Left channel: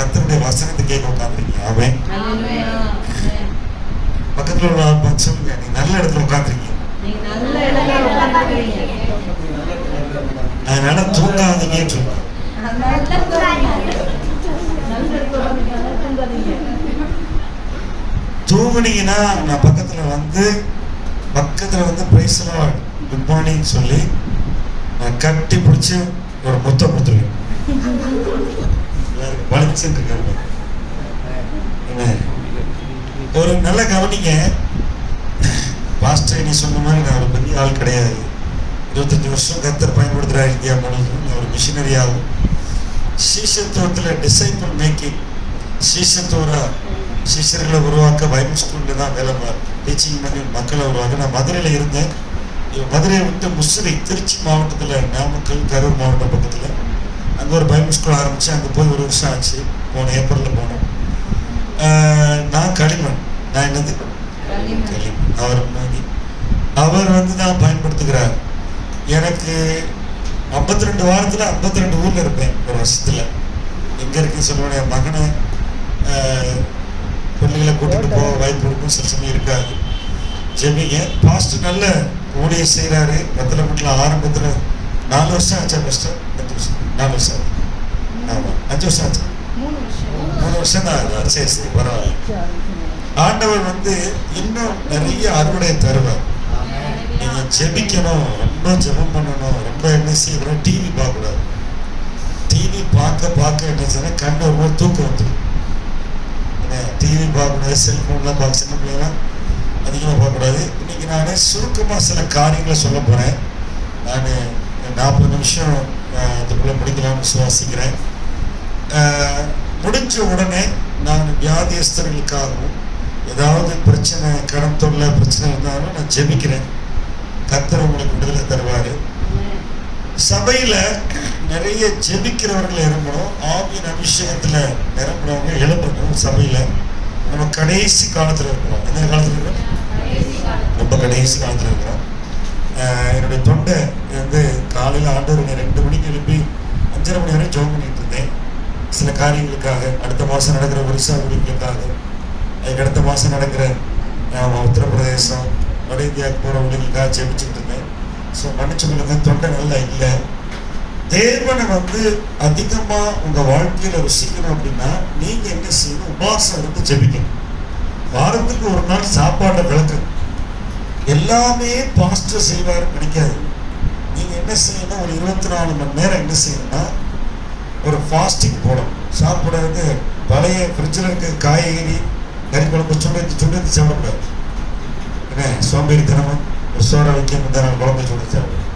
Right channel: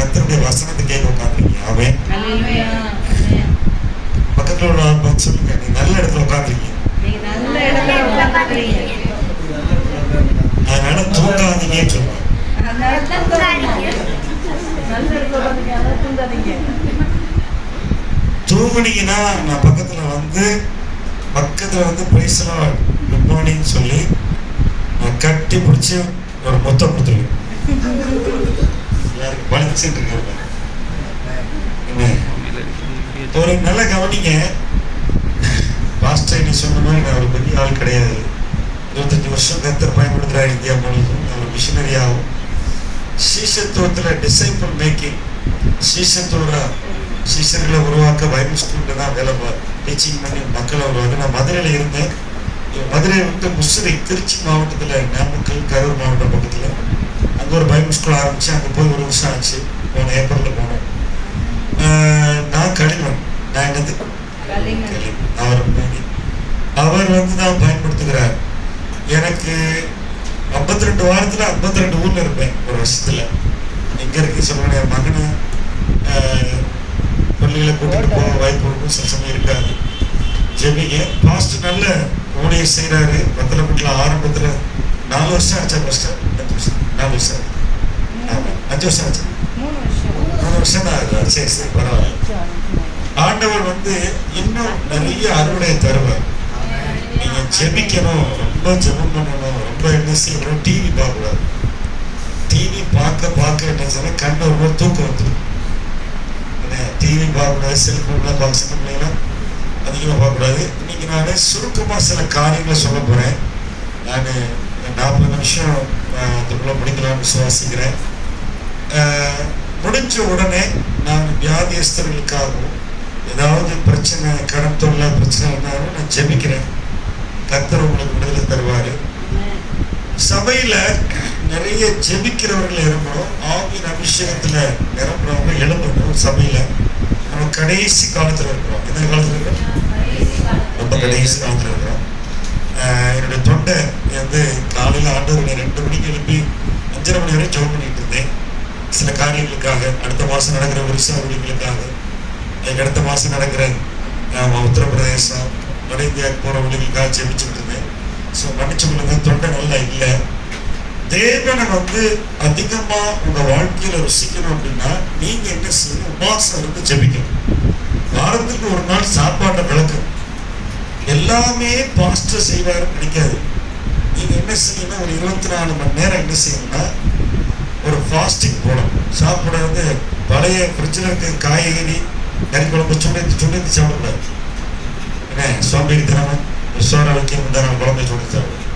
கர்த்தருடைய வசனத்தை கேட்க உட்காந்துருக்கீங்க. அவன் பக்கத்துல உள்ள ஆள் பார்த்து சொல்லுங்க, நீ நல்ல இடத்துல உட்காந்துருக்கீங்க. அதனால தூங்காதீங்க சொல்லுங்க. தூங்குனீங்கன்னா நான் பக்கத்துல வந்து praise the Lord good morning சொல்லி நான் கட்டி பிடிச்சி ஒரு முத்தம் கொடுத்துருவேன். எல்லாருக்கும் வலிச்சுட்டு இருக்காங்க. ஒரு நல்ல கவனிங்க. பாஸ்டர் நீ சொன்ன மாதிரி நான் ஒரு பெரிய ஆள் கிடையாது. 25 வருஷம் கர்த்தர் பயன்படுத்துகிறார் இந்தியா முழுவதும். நான் ஒரு மிஷினரியாகும். சீசத்துவத்தில் டிசைபிள் மேக்கிங், சீசர்களை உருவாக்க பைபிள் ஸ்கூலில் தான் வேலை டீச்சிங் பண்ணி மக்களை உருவாக்க. நான் மதுரையில் இருந்தேன். மதுரையை விட்டு முசிறி திருச்சி மாவட்டத்தில், நாமக்கல் கரூர் மாவட்டம் பக்கத்தில் அங்கே ஒரு பைபிள் ஸ்கூல் ஆரம்பித்து அங்கே போய் 1 வருஷம் ஆச்சு. போன ஏப்ரலில் போனோம். நான் களிமண், நான் என்னது அவர் வந்து தான் பயன்படுத்துகிறார். எனக்கு 52 வாரத்தில் 52 ஊரில் இருப்பேன் ஒரு வருஷத்தில். எங்கே இருக்கு சொல்லுவேன். என் மகனை பள்ளிகளை கூட்டிகிட்டு போக வாய்ப்பு இருக்கும், சில சமயம் இருக்காது. ஜெபிங்க. பாஸ்ட் நல்ல ஊழியர் செய்கிறாரு. பத்தலப்பட்டில் ஆரம்பத்தில் 4 வருஷம் ஆச்சா? ஃபஸ்ட்டு 4 வருஷம். ஆமாம், 5 வருஷம் ஆச்சு. 3 வருஷம் தான் ஆகுது. சரி பரவாயில்ல. ஆண்டவர் வந்து இன்னும் நிறைய அறுவடையை தருவார். நீங்கள் ஜெபிக்கணும், ரொம்ப ஜெபம் பண்ணணும், ரொம்ப என்ன செய்யணும். டிவி பார்க்கக்கூடாது. டிவி பார்க்க என்ன சொன்னால் கண்ணை ரொம்ப தூக்கம் வந்துடும். டிவி பார்க்கக்கூடாது, செல்ஃபோன்லாம் பார்க்க, சின்ன பிள்ளைங்களாம் அதிகமாக பார்க்கக்கூடாது. இன்னைக்கு நான் சுருக்கமாக சில காரியங்களை சொல்ல போகிறேன். நான் 40 நிமிஷம் அதுக்குள்ளே முடிக்கலாம்னு விசுவாசிக்கிறேன். முடிஞ்ச உடனே நான் வியாதியஸ்தர்களுக்காகவும் ஏதாவது பிரச்சனை, கடன் தொல்லை பிரச்சனை இருந்தாலும் நான் ஜெபிக்கிறேன். கர்த்தர் உங்களுக்கு விடுதலை தருவார். சபையில் நிறைய ஜெபிக்கிறவர்கள் எழும்பணும். ஆவியின் அபிஷேகத்தில் நிரம்புறவங்க எழும்பணும். சபையில் நம்ம கடைசி காலத்தில் இருக்கிறோம். எந்த காலத்தில் இருக்கிறோம்? ரொம்ப கடைசி காலத்தில் இருக்கிறோம். என்னுடைய தொண்டை வந்து காலையில் ஆண்டவரை 2 மணிக்கு எழுப்பி 5:30 மணி வரை ஜெபம் பண்ணிட்டு இருந்தேன். சில காரியங்களுக்காக, அடுத்த மாதம் நடக்கிற ஒரிசா ஊழியர்களுக்காக, அதுக்கு அடுத்த மாதம் நடக்கிற உத்தரப்பிரதேசம், வட இந்தியாவுக்கு போகிற ஊழியர்களுக்காக ஜெபிச்சுட்டு இருந்தேன். ஸோ மன்னிச்சுங்களுக்கு தொண்டை நல்லா இல்லை. தேவனை வந்து அதிகமாக உங்கள் வாழ்க்கையில் ருசிக்கணும் அப்படின்னா நீங்கள் என்ன செய்யணும்? உபவாசம் இருந்து ஜெபிக்கணும். வாரத்துக்கு 1 நாள் சாப்பாட்டை விளக்கணும். எல்லாமே பாஸ்டர் செய்வாருன்னு நினைக்காது. நீங்கள் என்ன செய்யணும்? ஒரு 24 மணி நேரம் என்ன செய்யணும்னா ஒரு ஃபாஸ்டிங் போடணும். சாப்பிடாது பழைய ஃப்ரிட்ஜில் இருக்க காய்கறி கறி குழம்பு சுண்டி சாப்பிடக்கூடாது. என்ன சோம்பேறி தினமும் சோறை வைக்க முந்தான குழம்பு சுண்டி சாப்பிடுவோம்.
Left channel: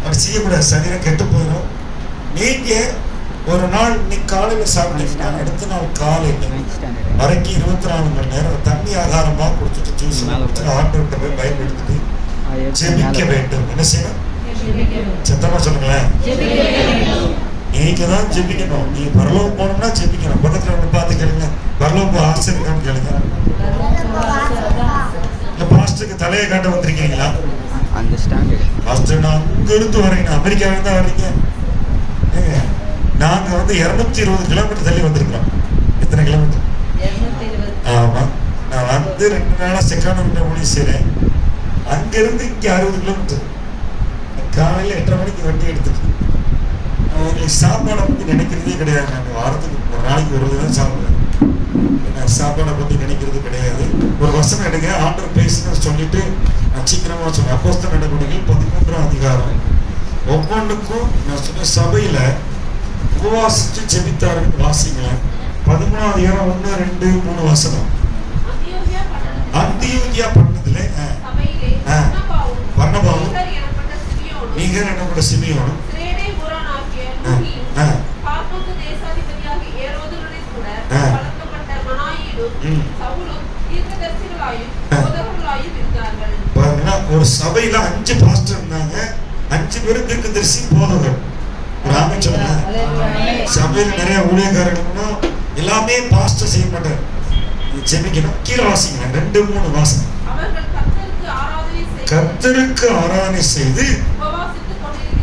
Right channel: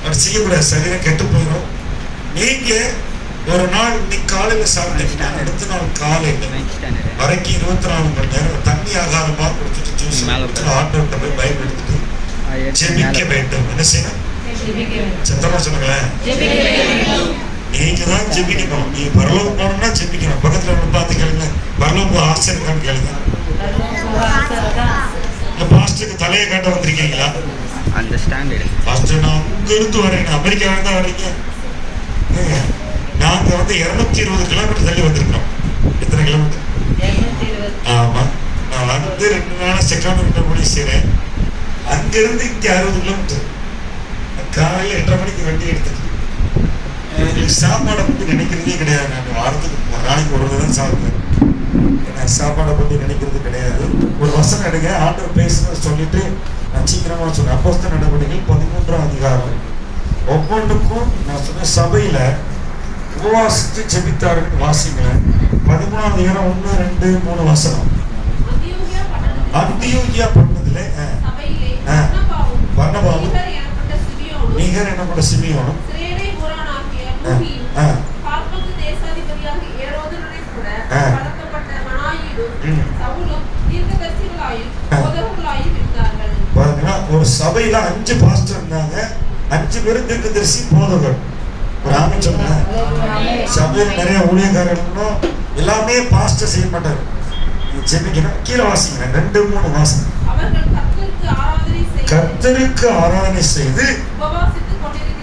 அப்படி செய்யக்கூடாது. சரீரம் கெட்டு போயிடும். நீங்கள் ஒரு நாள் இன்னைக்கு காலையில் சாப்பிட்டீங்கன்னா அடுத்த நாள் காலையில் வரைக்கும் 24 மணி நேரம் தண்ணி ஆகாரமாக கொடுத்துட்டு ஜூஸ் ஆட்டோட்ட போய் பயன்படுத்திட்டு ஜெபிக்க வேண்டும். என்ன செய்யணும்? சத்தமாக சொல்லுங்களேன். நீங்க தான் ஜெபிக்கணும். நீங்க பரலோகம் போகணும்னா ஜெபிக்கணும். பக்கத்துல ஒன்று பார்த்து கேளுங்க, பரலோகம் ஆசை இருக்கான்னு கேளுங்க. இல்லை பாஸ்டருக்கு தலையை காட்ட வந்திருக்கீங்களா? பாஸ்டர் நான் அங்கிருந்து வரீங்க, அமெரிக்காவில தான் வரீங்க. நாங்கள் வந்து 220 கிலோமீட்டர் தள்ளி வந்திருக்கோம். எத்தனை கிலோமீட்டர்? ஆமாம். நான் வந்து 2 நாளாக செகண்ட் விட்ட முடிவு செய்கிறேன். அங்கேருந்து இங்கே 60 கிலோமீட்டர். காலையில் 8:30 மணிக்கு வண்டி எடுத்துட்டு சாப்பாடை பற்றி நினைக்கிறதே கிடையாது. நான் வாரத்துக்கு 1 நாளைக்கு 1 தான் சாப்பிடுவேன். நான் சாப்பாடை பற்றி நினைக்கிறது கிடையாது. ஒரு வசனம் எடுங்க, ஆண்டவர் பேசுன்னு சொல்லிட்டு நான் சீக்கிரமாக சொன்னேன். அப்போஸ்தலர் நடவடிக்கைகள் 13ஆம் அதிகாரம். ஒவ்வொன்றுக்கும் நான் சொன்ன சபையில் உபவாசித்து ஜெபித்தார்கள். வாசிங்களேன். 13ஆம் அதிகாரம் 1, 2, 3 வசனம். அந்தியோகியா பட்டணத்திலே பர்னபாவும் நீகர் எனப்பட்ட சிமியோனும் ஒரு சபையில 5 பாஸ்டர் இருந்தாங்க. 5 பேரும் தீர்க்கதரிசி போதகர். ஒரு ஆமென் சொல்லுங்க. சபையில் நிறைய ஊழியக்காரர்களும் எல்லாமே பாஸ்டர் செய்ய மாட்டார். ஜெபிக்கணும். கீழே வாசிங்க 2, 3 வாசனம். கர்த்தருக்கு ஆராதனை செய்து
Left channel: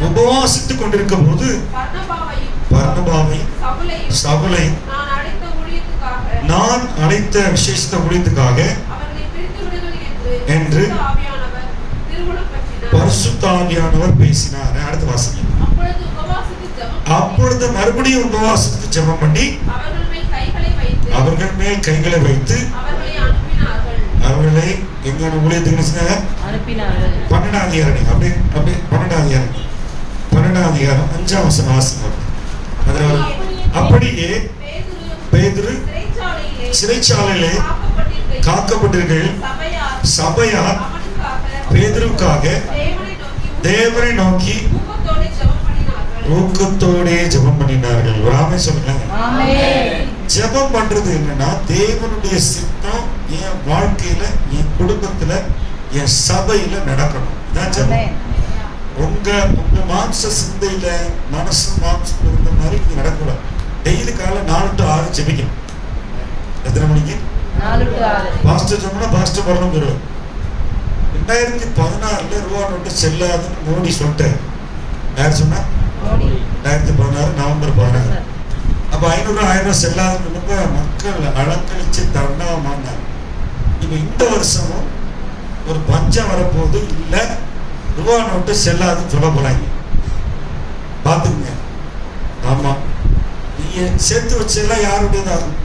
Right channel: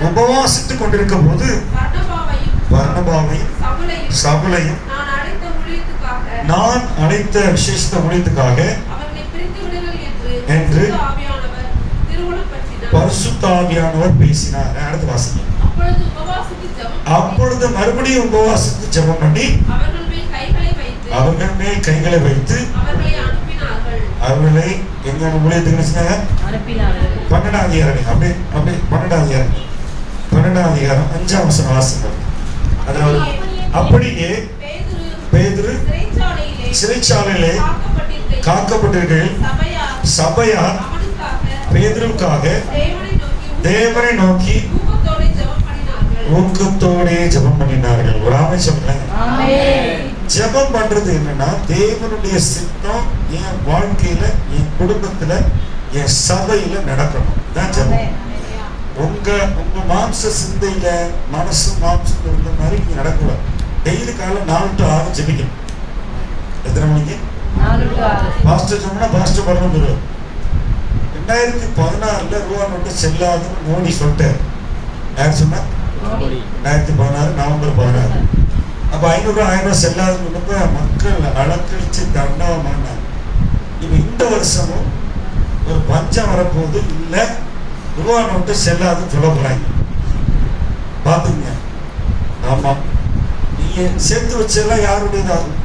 உபவாசித்துக் கொண்டிருக்கும் போது பர்னபாவை சவுலையும் நான் அழைத்த விசேஷ ஊழியத்துக்காக என்று பரிசுத்த ஆவியானவர் பேசினார். அடுத்த வாசகம். அப்பொழுது மறுபடியும் உபவாசித்து ஜெபம் பண்ணி அவர்கள் மேல் கைகளை வைத்து அவர்களை எங்க ஊழியத்துக்கு அனுப்பினார்கள். 12ஆம் அதிகாரம் அப்படி 12ஆம் அதிகாரம் 5ஆம் வசனம் வாசிக்கிறோம். அதுல அப்படியே பேதுரு சிறைச்சாலையிலே காக்கப்பட்டிருக்கையில் சபையார் பேதுருவுக்காக தேவனை நோக்கி ஊக்கத்தோடே ஜெபம் பண்ணினார்கள். ஒரு ஆமென் சொல்லுங்க. ஜெபம் பண்றது என்னன்னா, தேவனுடைய சித்தம் என் வாழ்க்கையில, என் குடும்பத்துல, என் சபையில நடக்கணும். ஜெபம் உங்க மாம்ச சிந்தையில மனசு மாம்சம் இருந்த மாதிரி நீங்க நடக்கல. டெய்லி காலை 4 to 6 ஜெபிக்கணும். எத்தனை மணிக்கு? 4 to 6. பாஸ்டர் சொன்னா பாஸ்டர் வரணும் போறோம். 2016 ரூபா நோட்டு செல்லாதுன்னு மோடி சொல்லிட்டாரு. யார் சொன்னா? 2016 நவம்பர் 16. அப்ப 500 1000 செல்லாதுன்னு மக்கள் அலக்கழிச்சு தண்டமானாங்க. இப்ப இந்த வருஷமும் ஒரு பஞ்சம் வரப்போது இல்ல, ரூபா நோட்டு செல்லாதுன்னு சொல்ல போறாங்க. பாத்துங்க. ஆமா, நீங்க சேர்த்து வச்செல்லாம் யாருடையதாகும்?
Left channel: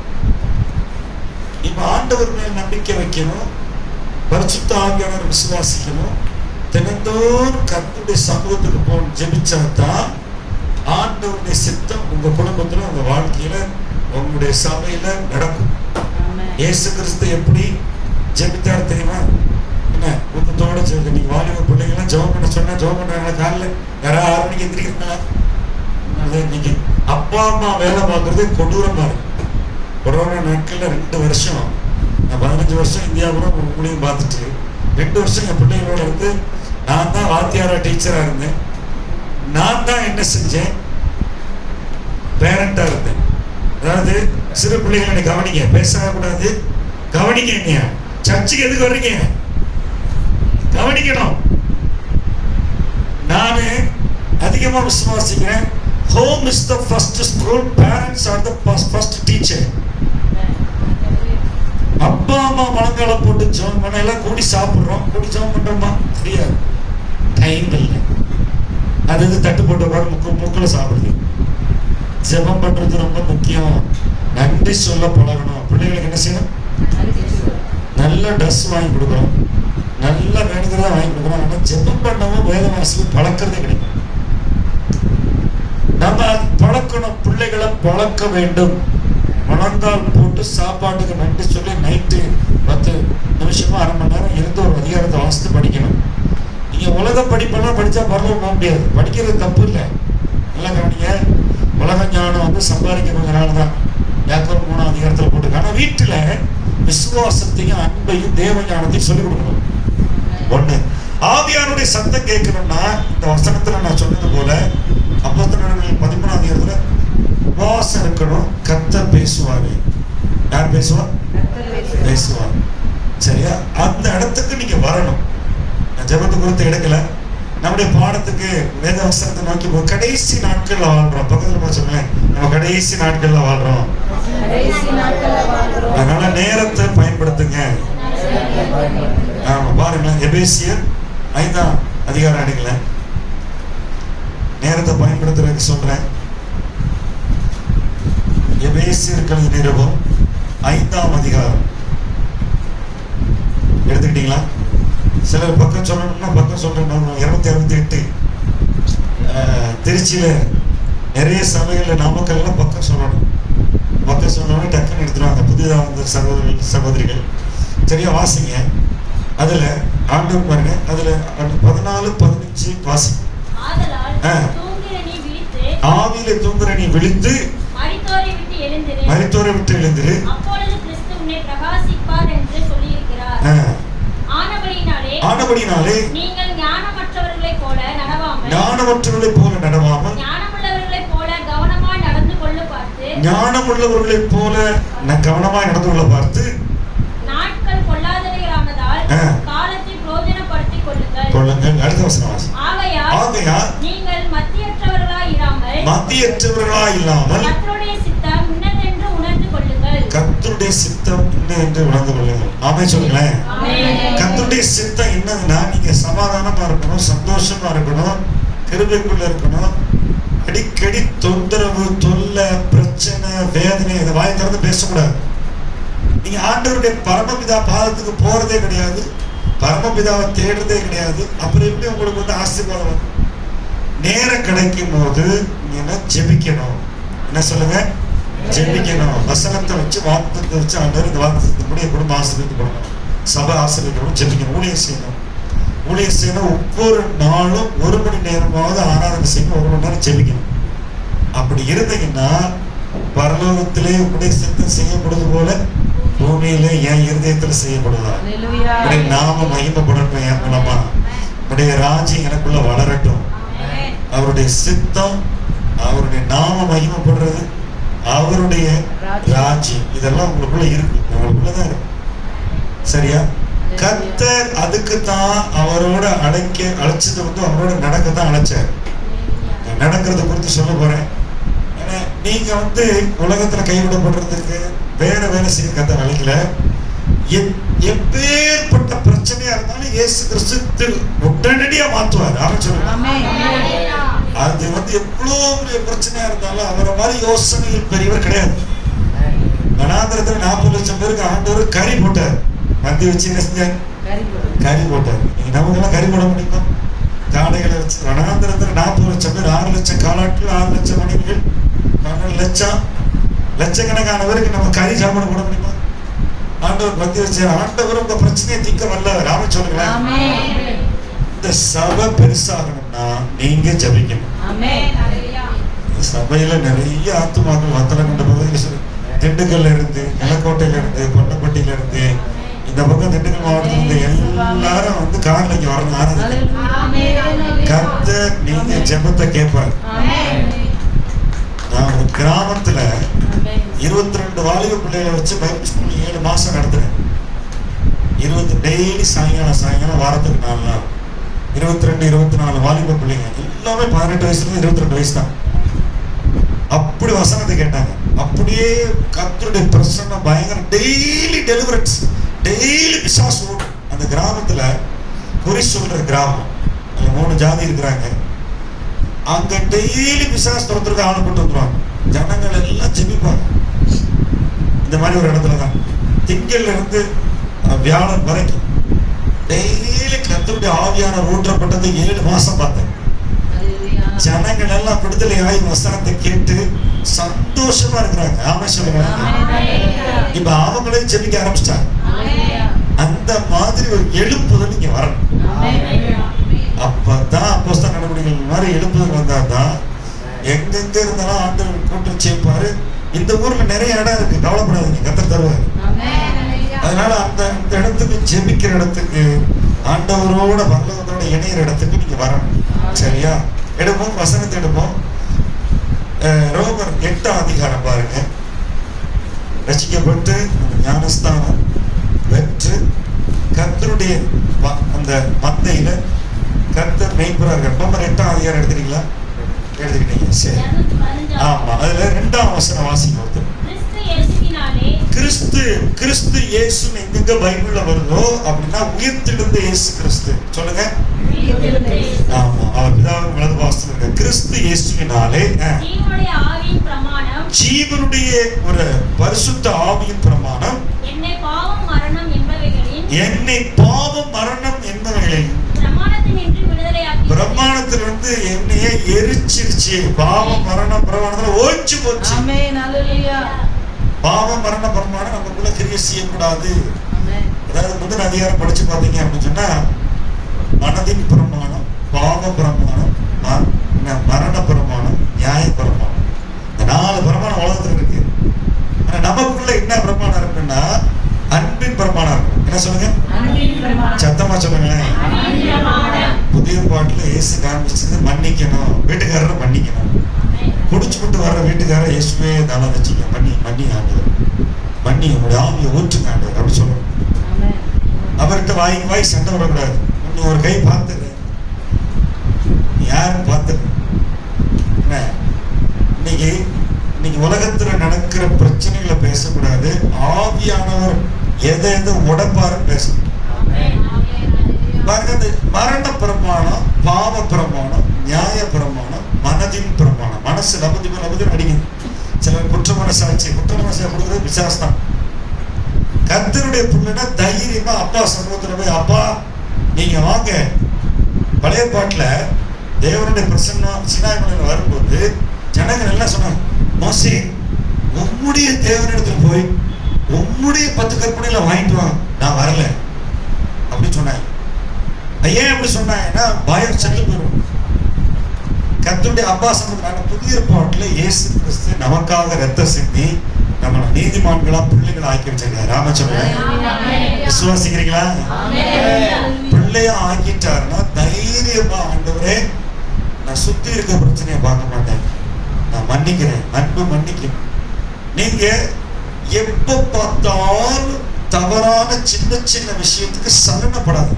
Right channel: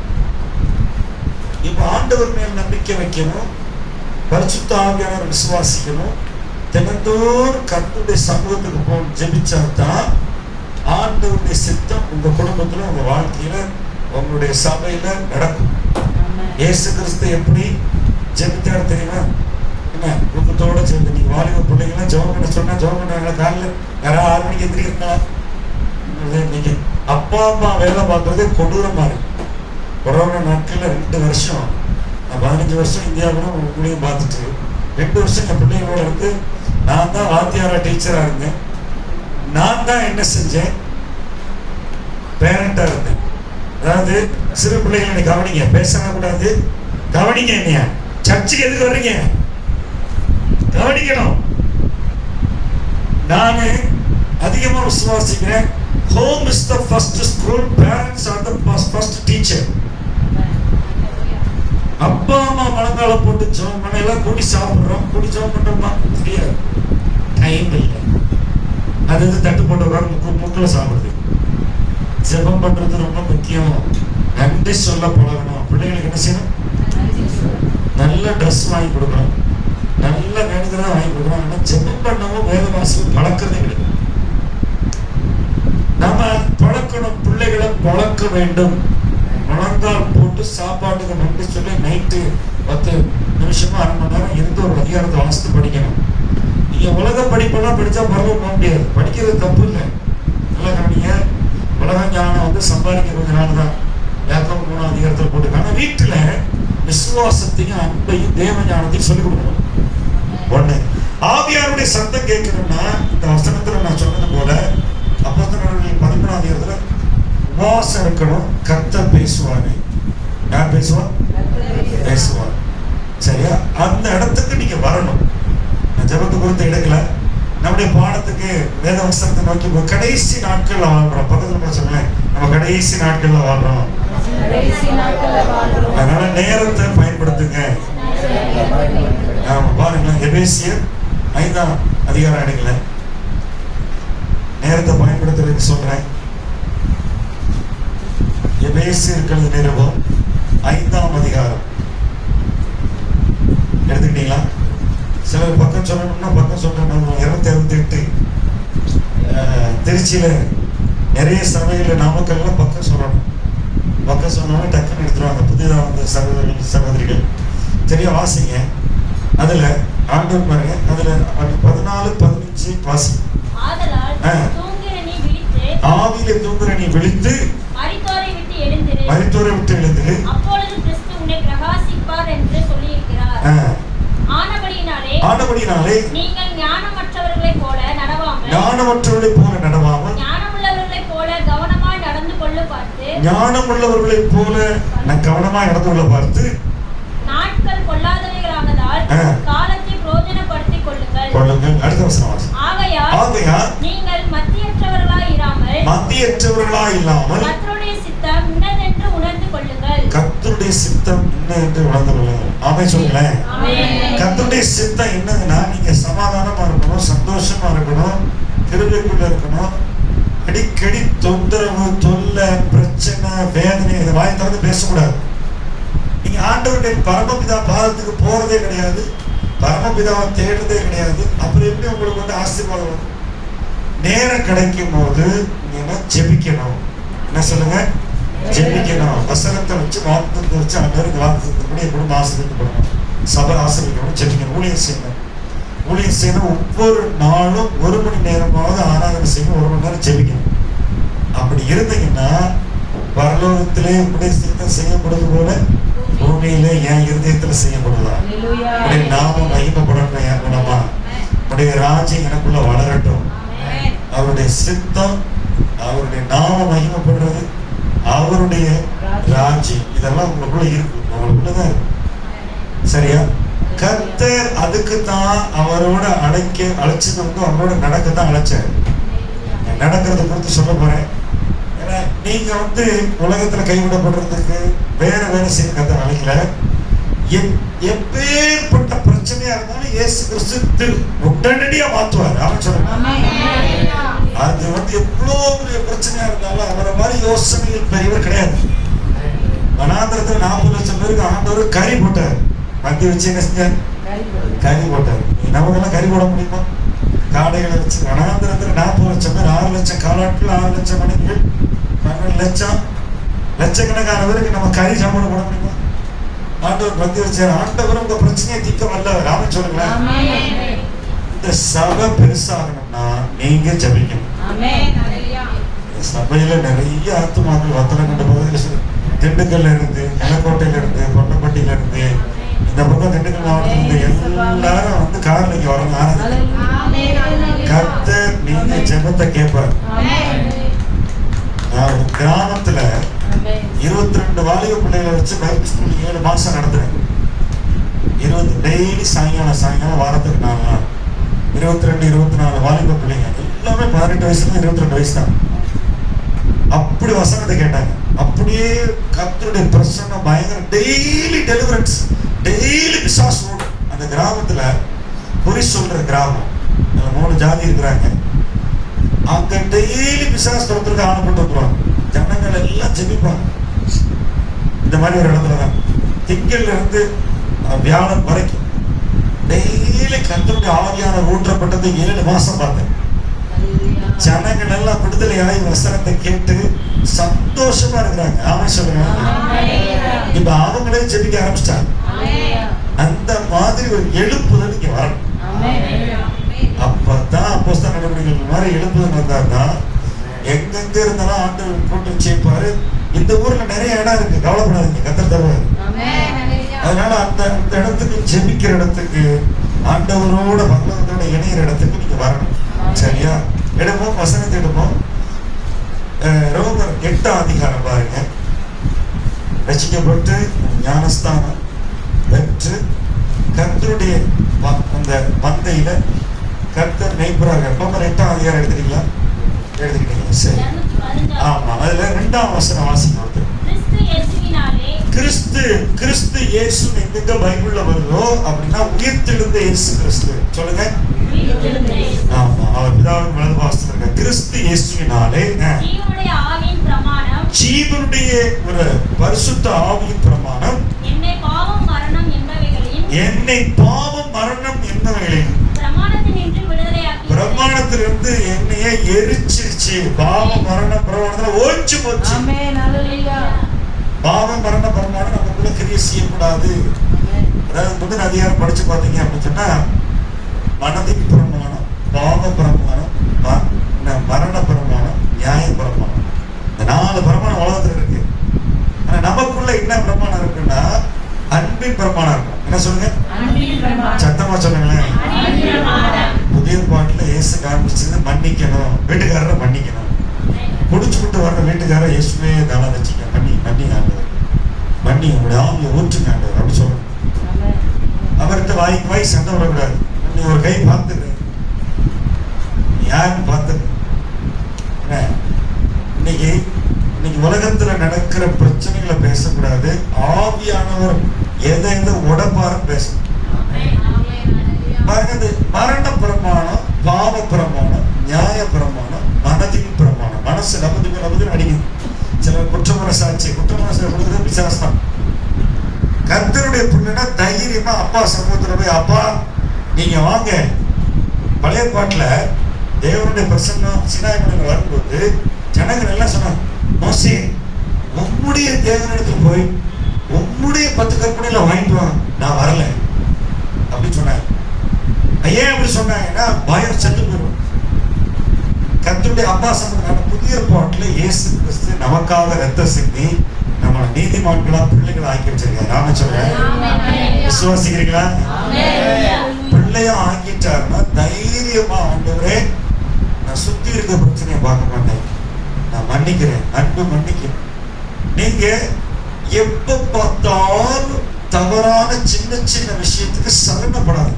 இப்ப ஆண்டவர் மேல் நம்பிக்கை வைக்கணும், பரிசுத்த ஆவியானவரை விசுவாசிக்கணும், தினந்தோறும் கர்த்தருடைய சமூகத்துக்கு போய் ஜெபிச்சாதான் ஆண்டவருடைய சித்தம் உங்க குடும்பத்துல, உங்க வாழ்க்கையில, உங்களுடைய சபையில நடக்கும். இயேசு கிறிஸ்து எப்படி ஜெபித்தாரு தெரியுமா? என்ன ஊக்கத்தோட ஜெபம். நீங்க வாலிப பிள்ளைங்களாம் ஜெபம் பண்ண சொன்னா ஜெபம் பண்றாங்களா? காலைல யாராவது 6 மணிக்கு எந்திரிக்கிறா? இன்னைக்கு அப்பா அம்மா வேலை பார்க்கறது கொடூரமா இருக்கு. கொரோனா நாட்கள்ல 2 வருஷம், நான் 15 வருஷம் இந்தியாவோட ஊழியம் பார்த்துட்டு 2 வருஷம் என் பிள்ளைகளோட இருந்து நான் தான் வாத்தியாரா டீச்சரா இருந்தேன். நான் தான் என்ன செஞ்சேன்? பேரண்டா இருந்தேன். அதாவது சிறு பிள்ளைகளை கவனிங்க, பேசவே கூடாது, கவனிங்க. என்னையா சர்ச்சுக்கு எதுக்கு வர்றீங்க? கவனிக்கணும். நானு அதிகமா விசுவாசிக்கிறேன், home is the first school, parents are the first teacher. அப்பா அம்மா மலங்கால போட்டு ஜெபம் பண்ண எல்லாம் கூடி சாப்பிடுறோம், கூடி ஜெபம் பண்றோமா? தெரியாது, டைம் இல்லை. அது தட்டு போட்டு முக்கில் சாப்பிடுது. ஜெபம் பண்றது ரொம்ப முக்கியம். நன்றி சொல்ல பழகணும். பிள்ளைகளுக்கு என்ன செய்யணும்? நல்ல ட்ரெஸ் வாங்கி கொடுக்கணும், நல்ல வேணுங்கிறத வாங்கி கொடுக்கணும். ஆனால் ஜெபம் பண்ணவும் வேலை வாசல் பழக்கிறதே கிடைக்கும். நம்ம பழக்கணும், பிள்ளைகளை பழக்க வேண்டும். முழங்கால் போட்டு சாப்பாட்டுக்கு நன்றி சொல்லி நைட்டு 10 நிமிஷமா 1/2 மணி நேரம் இருந்து ஒரு அதிகாரத்தை வாசித்து படிக்கணும். நீங்க உலக படிப்பெல்லாம் படிச்சா பரவாயில்ல போக முடியாது. படிக்கிறது தப்பு இல்லை, நல்லா கவனிங்க. உலக ஞானம் சம்பாதிக்கிறதுனால தான் யாக்கோபு 3ஆம் அதிகாரத்தில் போட்டுருக்காங்க. ஆனா வீட்டுல விசுவாசத்தையும் அன்பையும் தேவ ஞானத்தையும் சொல்லிக் கொடுக்கணும். ஒண்ணு, ஆவியானுடைய சத்தம் கேட்கணும்னா இந்த வசனத்துல நான் சொன்னது போல அப்போஸ்தலர்கள் 13ஆம் அதிகாரத்துல உபவாசம் இருக்கணும். கர்த்தர் பேசுவாரு. யார் பேசுவா? பேசுவார். சரியா? அந்த இடத்துக்கு நீங்க வரணும். ஜெபத்து குறித்து எடுக்கல, நம்முடைய பாடத்துக்கு வேத வசனத்தை நோக்கி கடைசி நாட்கள்ல வாழ்றோம். பக்கத்துல சொல்லுங்க, நம்ம கடைசி நாட்கள்ல வாழ்றோம். அதனால நேரத்தை பயன்படுத்துங்க. பாருங்க, எபேசியர் 5ஆம் அதிகாரம் எடுக்கல, நேரத்தை பயன்படுத்துறதுக்கு சொல்றேன். எபேசியர் நிருபம் 5ஆம் அதிகாரம் எடுத்துக்கிட்டீங்களா? சில பக்கம் சொல்லணும்னா பக்கம் சொல்லணும். 268 திருச்சியில நிறைய சபையில நாமக்கல்ல பக்கம் சொல்லணும். பக்கம் சொன்னோம்னா டக்குன்னு எடுத்துருவாங்க புதிதாக வந்த சகோதரிகள். சரியா? வாசிங்க. அதுல ஆண்டவர் பாருங்க, அதுல 14-15 வாசி. ஆவியில தூங்குற நீ விழித்து மரித்தோரை விட்டு எழுந்திரு, ஆனபடினாலே நீங்கள் ஞானமற்றவர்களைப் போல நடவாமல் ஞானமுள்ளவர்களைப் போல கவனமாய் நடந்து கொள்ள பார்த்து நாட்கள் கொள்ளாதவைகளானதால் காலத்தை பிரயோஜனப்படுத்திக் கொள்ளுங்கள். அடுத்த வசனம். ஆகையால் நீங்கள் மத்தியற்றவர்களாய் இல்லாமல் கர்த்தருடைய கர்த்தருடைய சித்தம் என்ன என்று உணர்ந்து கொள்ளுங்கள். ஆமென் சொல்லுங்களேன். கர்த்தருடைய சித்தம் என்னதுன்னா, நீங்க சமாதானமா இருக்கணும், சந்தோஷமா இருக்கணும், கிருபைக்குள்ள இருக்கணும். அடிக்கடி தொந்தரவு, தொல்லை, பிரச்சனை, வேதனை இதை வாய் திறந்து பேசக்கூடாது. நீங்க ஆண்டவருடைய பரமபிதா பாதத்துக்கு போறதே கிடையாது, பரமபிதாவை தேடுறதே கிடையாது. அப்புறம் எப்படி உங்களுக்கு வந்து ஆசீர்வாதம்? நேரம் கிடைக்கும் போது நீங்க ஜெபிக்கணும். என்ன சொல்லுங்க? ஜெபிக்கணும். வசனத்தை வச்சு, வாக்குத்தத்தை வச்சு ஆண்டவர் இந்த வாக்குத்தத்தை கூட என் குடும்ப ஆசீர்வதிக்கப்படணும், சபை ஆசீர்வதிக்கணும், ஜெபிக்கணும், ஊழியம் செய்யணும். ஊழியம் செய்யணும். ஒவ்வொரு நாளும் 1 மணி நேரமாவது ஆராதனை செய்யணும், 1 மணி நேரம் ஜெபிக்கணும். அப்படி இருந்தீங்கன்னா பரலோகத்திலே உடைய சித்தம் செய்யப்படுவது போல பூமியில என் இருதயத்துல செய்யப்படுவதா. உடைய நாம மகிமைப்படட்டும், என் மூலமா உடைய ராஜ்யம் எனக்குள்ள வளரட்டும். அவருடைய சித்தம், அவருடைய நாம மகிமைப்படுறது, அவருடைய ராஜ்யம் இதெல்லாம் உங்களுக்குள்ள இருக்கு, உங்களுக்குள்ளதான் இருக்கு. சரியா? கர்த்தர் அதுக்கு தான் அவரோட அழைச்சது வந்து அவரோட நடக்கத்தான் அழைச்சார். நான் நடக்கிறத குறித்து சொல்ல போறேன். ஏன்னா நீங்க வந்து உலகத்துல கைவிடப்படுறதுக்கு வேற வேலை செய்ய கர்த்தர் அழைக்கல. எப்பேற்பட்ட பிரச்சனையா இருந்தாலும் இயேசு கிறிஸ்து உடனடியா மாற்றுவார். ஆமென் சொல்லுங்க. அது வந்து எவ்வளவு பெரிய பிரச்சனையா இருந்தாலும் அவரை மாதிரி யோசனைகள் பெரியவர் கிடையாது. வனாந்திரத்துல 40 லட்சம் பேருக்கு ஆண்டவர் கறி போட்டார். மந்தி வச்சு என்ன செஞ்சார்? கறி போட்டார். நீங்க நமக்கெல்லாம் கறி போட முடியுமா? காடைகளை வச்சு வனாந்திரத்துல 40 லட்சம் பேர், 6 லட்சம் காலாட்கள், 6 லட்சம் மணிகள், 12 லட்சக்கணக்கானவருக்கு நம்ம கறி சாப்பிட போட முடியுமா? ஆண்டவர் மந்தி வச்சார். ஆண்டவர் உங்க பிரச்சனையை தீர்க்க வல்லவர். ஆமென் சொல்லுங்களேன். இந்த சபை பெருசாகணும்னா நீங்க ஜெபிக்கணும். சபையில நிறைய ஆத்துமாக்கள் வத்தனை கொண்ட பகுதியில், திண்டுக்கல்ல இருந்து, நிலக்கோட்டையில இருந்து, பொன்னப்பட்டியில இருந்து, இந்த பக்கம் திண்டுக்கல் மாவட்டத்துல இருந்து எல்லாரும் வந்து கார்ல இங்க வரணும். கர்த்தர் நீங்க ஜெபத்தை கேட்பார். நான் ஒரு கிராமத்துல 22 வாலிப பிள்ளைகளை வச்சு பைபிள் ஸ்கூல் 7 மாசம் நடத்துறேன். 20 டெய்லி சாயங்காலம் வாரத்துக்கு 4 நாள் 22 24 வாலிப பிள்ளைங்க எல்லாமே 18 வயசுல 22 வயசு தான். அப்படி வசனத்தை கேட்டாங்க. அப்படியே கர்த்தருடைய பிரசன்னம் பயங்கர. டெய்லி டெலிவரன்ஸ், டெய்லி பிசாசு ஓடும். அந்த கிராமத்துல குறி சொல்ற கிராமம், அதுல 3 ஜாதி இருக்கிறாங்க. அங்க டெய்லி பிசாசு துரத்துக்கு ஆணைப்பட்டு வந்துருவாங்க. ஜனங்கள் எல்லாம் ஜெபிப்பாங்க. இந்த மாதிரி ஒரு இடத்துலதான் திங்கள்ல இருந்து வியாழன் வரைக்கும் டெய்லி கர்த்தருடைய ஆவியான ஊற்றப்பட்டது 7 மாசம் பார்த்தேன். ஜனங்கள் எல்லாம் விடுதலை ஆகி வசனத்தை கேட்டு சந்தோஷமா இருக்கிறாங்க. ஆமென் சொல்லுங்க. இப்ப அவங்களே ஜெபிக்க ஆரம்பிச்சிட்டாங்க. அந்த மாதிரி ஒரு எழுப்புதல் இங்க வரணும். அப்பதான் அப்போஸ்தலர் நடவடிக்கைகள் மாதிரி எழுப்புதல் வந்தாதான் எங்கெங்க இருந்தாலும் ஆண்டவர் கூட்டம் சேர்ப்பாரு. இந்த ஊர்ல நிறைய இடம் இருக்கு, கவலைப்படாதீங்க, கர்த்தர் தருவாரு. அதனால அந்த இடத்துக்கு, ஜெபிக்கிற இடத்துக்கு, ஆண்டவரோட பரலோகத்தோட இணையிற இடத்துக்கு நீங்க வரணும். சரியா? எடுப்போம், வசனத்தை எடுப்போம். ரோமர் 8ஆம் அதிகாரம் பாருங்க. ரட்சிக்கப்பட்டு ஞானஸ்தானம் பெற்று கர்த்தருடைய அந்த மந்தையில கர்த்தர் மேய்ப்பராக. ரோமர் 8ஆம் அதிகாரம் எடுத்துட்டீங்களா? எடுத்துக்கிட்டீங்க, சரி. ஆமா, அதுல 2ஆம் வசனம் வாசிங்க. கிறிஸ்து இயேசு எங்க பைபிள்ல வருதோ அப்படின்னா உயிர்த்தெழுந்த இயேசு கிறிஸ்து. சொல்லுங்க. ஆமா, அவர் பிதாவின் வலது பாகத்தில் இருக்க கிறிஸ்து இயேசுவினாலே ஜீவனுடைய ஒரு பரிசுத்த ஆவியின் பிரமாணம் என்னை பாவம் மரணம் என்பவைகளின் பிரமாணத்திலிருந்து என்னையே எரிச்சிருச்சு. பாவம் மரணம் பிரமாணத்துல ஓய்ச்சு போச்சு. பாவம் மரண பிரமாணம் நமக்குள்ள கிரியை செய்யக்கூடாது. அதாவது முதல் அதிகாரம் படிச்சு பார்த்தீங்க அப்படின்னு சொன்னா மனதின் பிரமாணம், பாவ பிரமாணம், மரண பிரமாணம், நியாய பிரமாணம், இந்த 4 பிரமாணம் உலகத்துல இருக்கு. ஆனா நமக்குள்ள என்ன பிரமாணம் இருக்குன்னா அன்பின் பிரமாணம் இருக்கும். என்ன சொல்லுங்க? சத்தமா சொல்லுங்களேன். புதிய பாட்டுல இயேசு காமிச்சது மன்னிக்கணும், வீட்டுக்காரரை மன்னிக்கணும். குடிச்சுக்கிட்டு வர்ற வீட்டுக்காரர் இயேசுவே தானா வச்சுக்க, மன்னி ஆண்டவர், மன்னி உங்களுடைய ஆவியை ஊற்றுங்க ஆண்டவர் அப்படி சொல்லணும். அவர்கிட்ட வாய் சண்டை விடக்கூடாது. நீ ஒரு கை பார்த்துரு, யாருன்னு பார்த்துரு. இன்னைக்கு இன்னைக்கு உலகத்துல நடக்கிற பிரச்சனைகளை பேசக்கூடாது. ஆவியானவர் எதை உடப்பாரு பேசணும். மரண பிரமாணம், பாவ பிரமாணம், நியாய பிரமாணம், மனதின் பிரமாணம். மனசு நபதி அடிக்குது. சிலர் குற்றமனசாட்சி கொடுக்குறது விசாசம். கர்த்தருடைய பிள்ளைனா தைரியமா அப்பா சமூகத்துல போய், அப்பா நீங்க வாங்க. பழைய பாட்டுல தேவனுடைய பிரசன்னம் சினாய்மலையில வரும்போது ஜனங்கள் எல்லாம் சொன்னாங்க, மோசே உம்முடைய தேவனிடத்தில் போய் உம்முடைய 10 கற்பனையில வாங்கிட்டு வா, நான் வரல அப்படின்னு சொன்னாங்க. ஏன் அப்படி சொன்னாங்கன்னா பயம் செத்து போயிடும். கர்த்தருடைய அப்பா சமூகமான புதிய பாட்டுல இயேசு கிறிஸ்து நமக்காக ரத்தம் சிந்தி நம்மளை நீதிமான்களா பிள்ளைகளை ஆக்கி வச்சிருக்காரு. ராம சொல்றேன், விசுவாசிக்கிறீங்களா? பிள்ளையா ஆக்கிட்டாருன்னா தைரியமா, ஆண்டவரே நான் சுத்தி இருக்க பிரச்சனையை பார்க்க மாட்டேன், நான் மன்னிக்கிறேன், அன்பு மன்னிக்கும். நீங்க எப்ப பார்த்தாலும் தவறான சின்ன சின்ன விஷயத்துக்கு சலனப்படாது.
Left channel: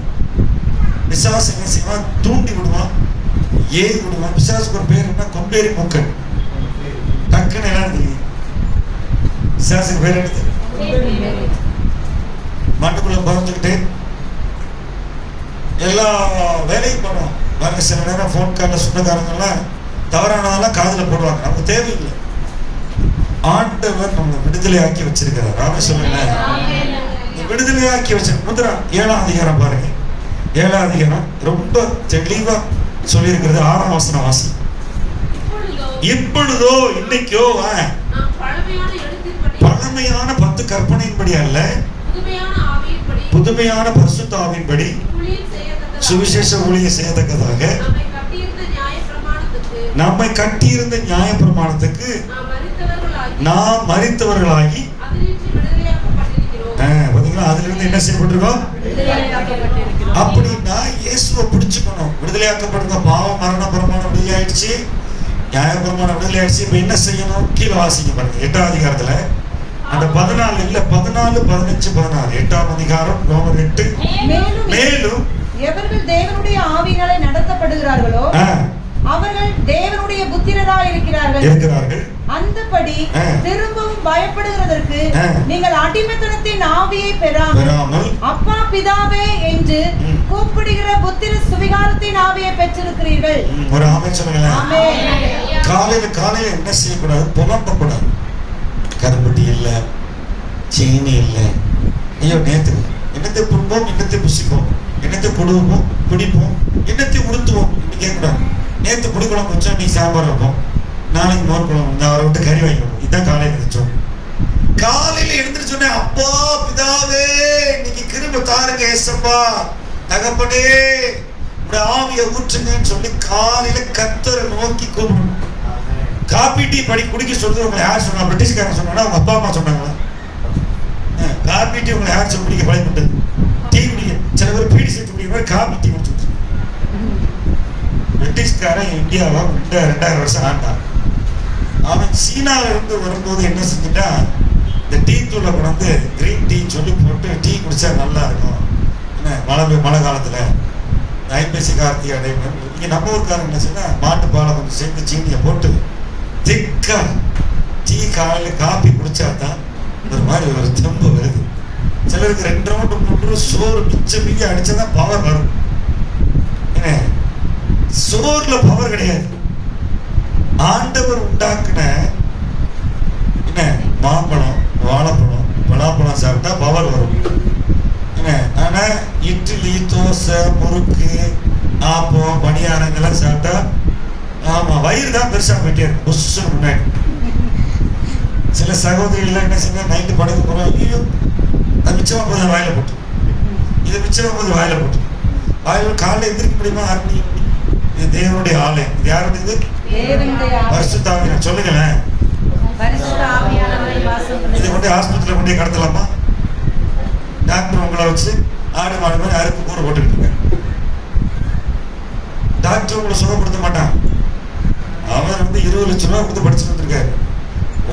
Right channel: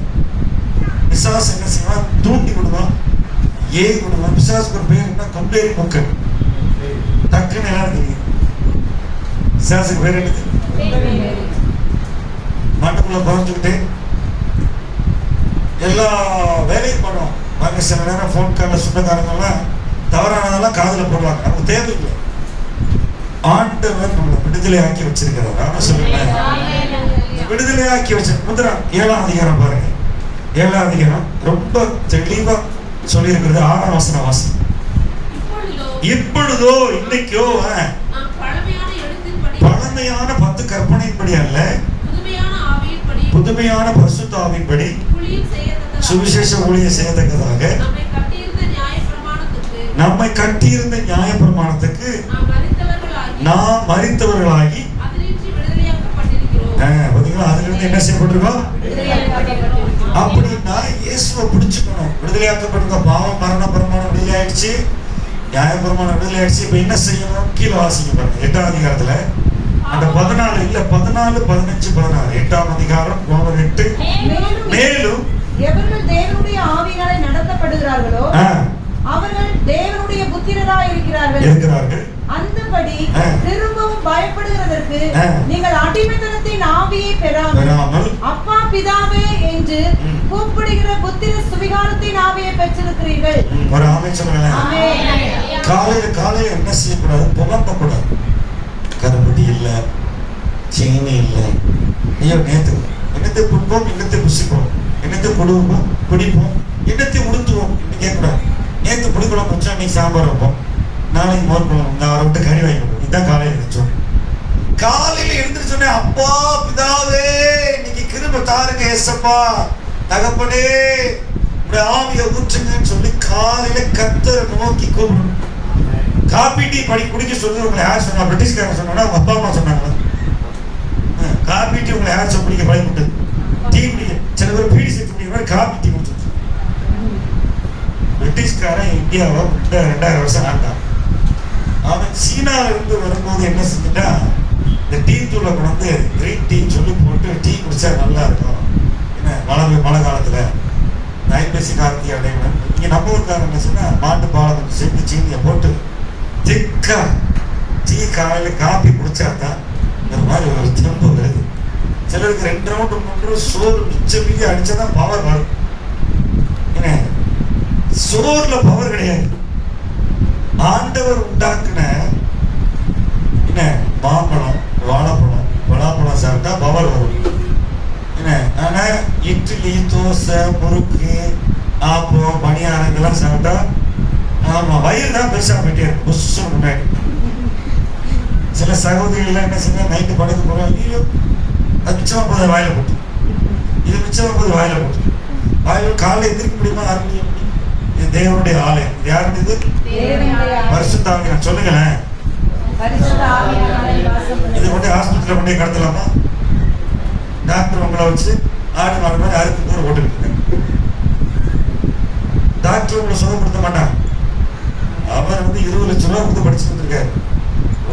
பிசாசு என்ன செய்வான்? தூண்டி விடுவான், ஏறி விடுவான். பிசாசுக்கு ஒரு பேர் என்ன? கொம்பேறி மூக்கன். டக்குன்னு எல்லாம் தெரியும். பிசாசுக்கு பேர் எடுத்து மாட்டுக்குள்ள பிறந்துக்கிட்டு எல்லா வேலையும் பண்ணுவோம். பாருங்க, சில நேரம் போன் காலில் சொந்தக்காரங்கெல்லாம் தவறானதெல்லாம் காதுல போடுவாங்க. நமக்கு தேவையில்லை. ஆண்டவர் நம்மளை விடுதலையாக்கி வச்சிருக்கிறார். நாம சொல்லுங்க, விடுதலையாக்கி வச்ச முதலாம் 7ஆம் அதிகாரம் பாருங்க. 7ஆம் அதிகாரம் ரொம்ப தெளிவா சொல்லி இருக்கிறது. 6ஆம் வசனம் வாசி. இப்பொழுதோ இன்னைக்கோ பழமையான 10 கற்பனையின்படி அல்ல, புதுமையான பரிசுத்த ஆவியின்படி சுவிசேஷ ஊழியம் செய்யத்தக்கதாக நம்மை கட்டியிருந்த நியாய பிரமாணத்துக்கு நாம் மரித்தவர்களாகி, பாத்தீங்களா, அதுல இருந்து என்ன செய்யப்பட்டிருக்கோம்? அப்படின்னா இயேசுவை பிடிச்சுக்கணும். விடுதலையாக்கப்படுங்க. பாவம் மரண பிரமாணம் விடுதலை ஆயிடுச்சு, நியாய பிரமாணம் விடுதலை ஆயிடுச்சு. இப்ப என்ன செய்யணும்? கீழே வாசிக்க பாருங்க. 8ஆம் அதிகாரத்துல அந்த 14 இல்ல 14, 15, 16. 8ஆம் அதிகாரம் ரோமர் 8. மேலும் எவர்கள் தேவனுடைய ஆவியினாலே நடத்தப்படுகிறார்களோ அவர்கள் தேவனுடைய புத்திரராய் இருக்கிறார்கள். அந்தபடி திரும்பவும் பயப்படுகிறதற்கு நீங்கள் அடிமைத்தனத்தின் ஆவியை பெறாமல் அப்பா பிதாவே என்று கூப்பிடுகிற புத்திர சுவிகாரத்தின் ஆவியை பெற்றிருக்கிறீர்கள். ஒரு ஆமென் சொல்லுங்க. காலையில என்ன செய்யக்கூடாது? புலம்பக்கூடாது. கருப்பட்டி இல்ல, சீனி இல்ல, ஐயோ நேத்து என்னத்தை புண்போம், என்னத்தை புசிப்போம், என்னத்தை கொடுப்போம், குடிப்போம், என்னத்தை உடுத்துவோம் கேட்கக்கூடாது. நேற்று புளிக்குழம்பு வச்சோம், நீ சாம்பார் வைப்போம், நாளைக்கு மோர் குழம்பு, நான் அவரை விட்டு கறி வாங்கிப்போம். இதுதான் காலையில் எழுந்திரிச்சோம். காலையில எழுந்திரிச்சோடனே அப்பா பிதாவே இன்னைக்கு கிருபை தாருங்க ஏசப்பா, தகப்பனே உடைய ஆவியை ஊற்றுங்கன்னு சொல்லி காலையில கர்த்தரை நோக்கி கூப்பிடணும். காபி டீ குடிக்க சொல்றது உங்களை யார் சொன்னா? பிரிட்டிஷ்காரன் சொன்னா? உங்க அப்பா அம்மா சொன்னாங்களா? காபி டீ உங்களை யார் சொல்லி குடிக்க பழகிட்டு? டீ குடிக்க சில பேர் பீடி சேர்த்து குடிக்கிற மாதிரி காபி டீ குடிச்சு. பிரிட்டிஷ்காரன் இந்தியாவை 2000 வருஷம் ஆண்டான். அவன் சீனாவில இருந்து வரும்போது என்ன செஞ்சுட்டான்? இந்த டீ தூளை கொண்டு கிரீன் டீ சொல்லி போட்டு டீ குடிச்சா நல்லா இருக்கும். என்ன மழை காலத்துல ஐப்பசி கார்த்திகை அடையணும். இங்க நம்ம ஊருக்காரன் என்ன செய்ய, மாட்டு பாலை கொஞ்சம் சேர்த்து சீனியை போட்டு திக்கா டீ காலையில காப்பி குடிச்சாதான் இந்த மாதிரி ஒரு தெம்பு வருது. சிலருக்கு 2 ரவுண்டு 3 ரவுண்டு சோறு மிச்சம் மீதி அடிச்சாதான் பவர் வரும். என்ன சோறுல பவர் கிடையாது. ஆண்டவர் உண்டாக்குன என்ன மாம்பழம், வாழைப்பழம், பலாப்பழம் சாப்பிட்டா பவர் வரும். என்ன ஆனா இட்லி, தோசை, முறுக்கு, ஆப்பம், பணியாரம் இதெல்லாம் சாப்பிட்டா ஆமா வயிறு தான் பெருசா போயிட்டே இருக்கு. புஷ் முன்னாடி சில சகோதரிகள் என்ன செய்ய, நைட்டு படுக்க போறோம், ஐயோ அது மிச்சமா போகுது வாயில போட்டு, இது மிச்சமா போகுது வாயில போட்டு, வாயில காலைல எதிர்க்க முடியுமா? 6 மணி. இது தேவனுடைய ஆலயம். இது யாருடைய? பரிசுத்த ஆவியானவர். சொல்லுங்களேன். இது கொண்டு ஆஸ்பத்திரியில கொண்டு கடத்தலாமா? டாக்டர் உங்களை வச்சு ஆடு மாடு மாதிரி அறுப்பு கூற போட்டுக்கிட்டு இருக்காங்க. டாக்டர் உங்களை சுகப்படுத்த மாட்டான். அவர் 20 லட்சம் ரூபாய் கொடுத்து படிச்சு கொடுத்துருக்காரு.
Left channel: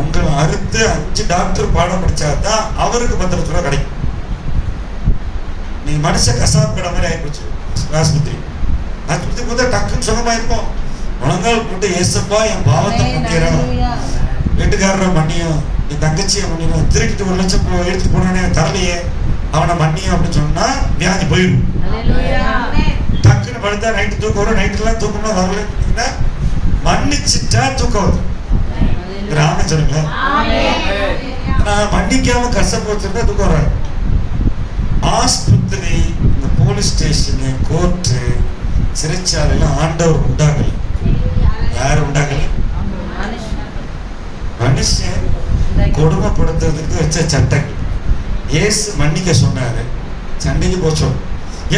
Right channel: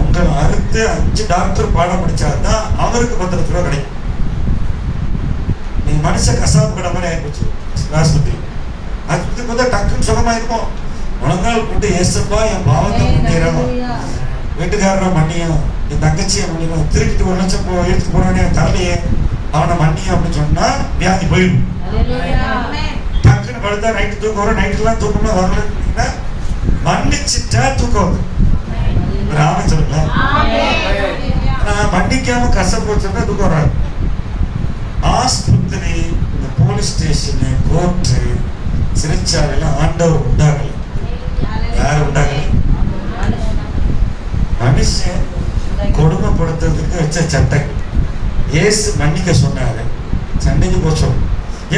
உங்களை அறுத்து 5 டாக்டர் பாடம் படிச்சாதான் அவருக்கு 10 லட்சம் ரூபாய் கிடைக்கும். நீங்க மனுஷ கசாப்பு கடை மாதிரி ஆயிப்போச்சு. ஆஸ்பத்திரி ஆஸ்பத்திரி டக்குன்னு சுகமாயிருப்போம். முழங்கால் போட்டு ஏசப்பா என் பாவத்தை முன்னேறும், வீட்டுக்காரரை மன்னியும், என் தங்கச்சியை மன்னியும், திருட்டு 1 லட்சம் எடுத்துட்டு போனே தரலையே அவனை மன்னியும் அப்படின்னு சொன்னா வியாதி போயிடும். டக்குன்னு படுத்தா நைட்டு தூக்கம் வரும், நைட்டுலாம் தூக்கமா வரலன்னா மன்னிச்சுட்டா தூக்கம் வரும். ராம சொல்லுங்க. மன்னிக்காம கஷ்டப்பட்டு தூக்கம் வராது. ஆஸ்பத்திரி, இந்த போலீஸ் ஸ்டேஷனு, கோர்ட்டு, சிறைச்சாலையெல்லாம் ஆண்டவர் உண்டாகல. யாரு உண்டாகல? மனுஷன் கொடுமைப்படுத்துறதுக்கு வச்ச சட்டங்கள். இயேசு மன்னிக்க சொன்னாரு, சண்டைக்கு போச்சோம்.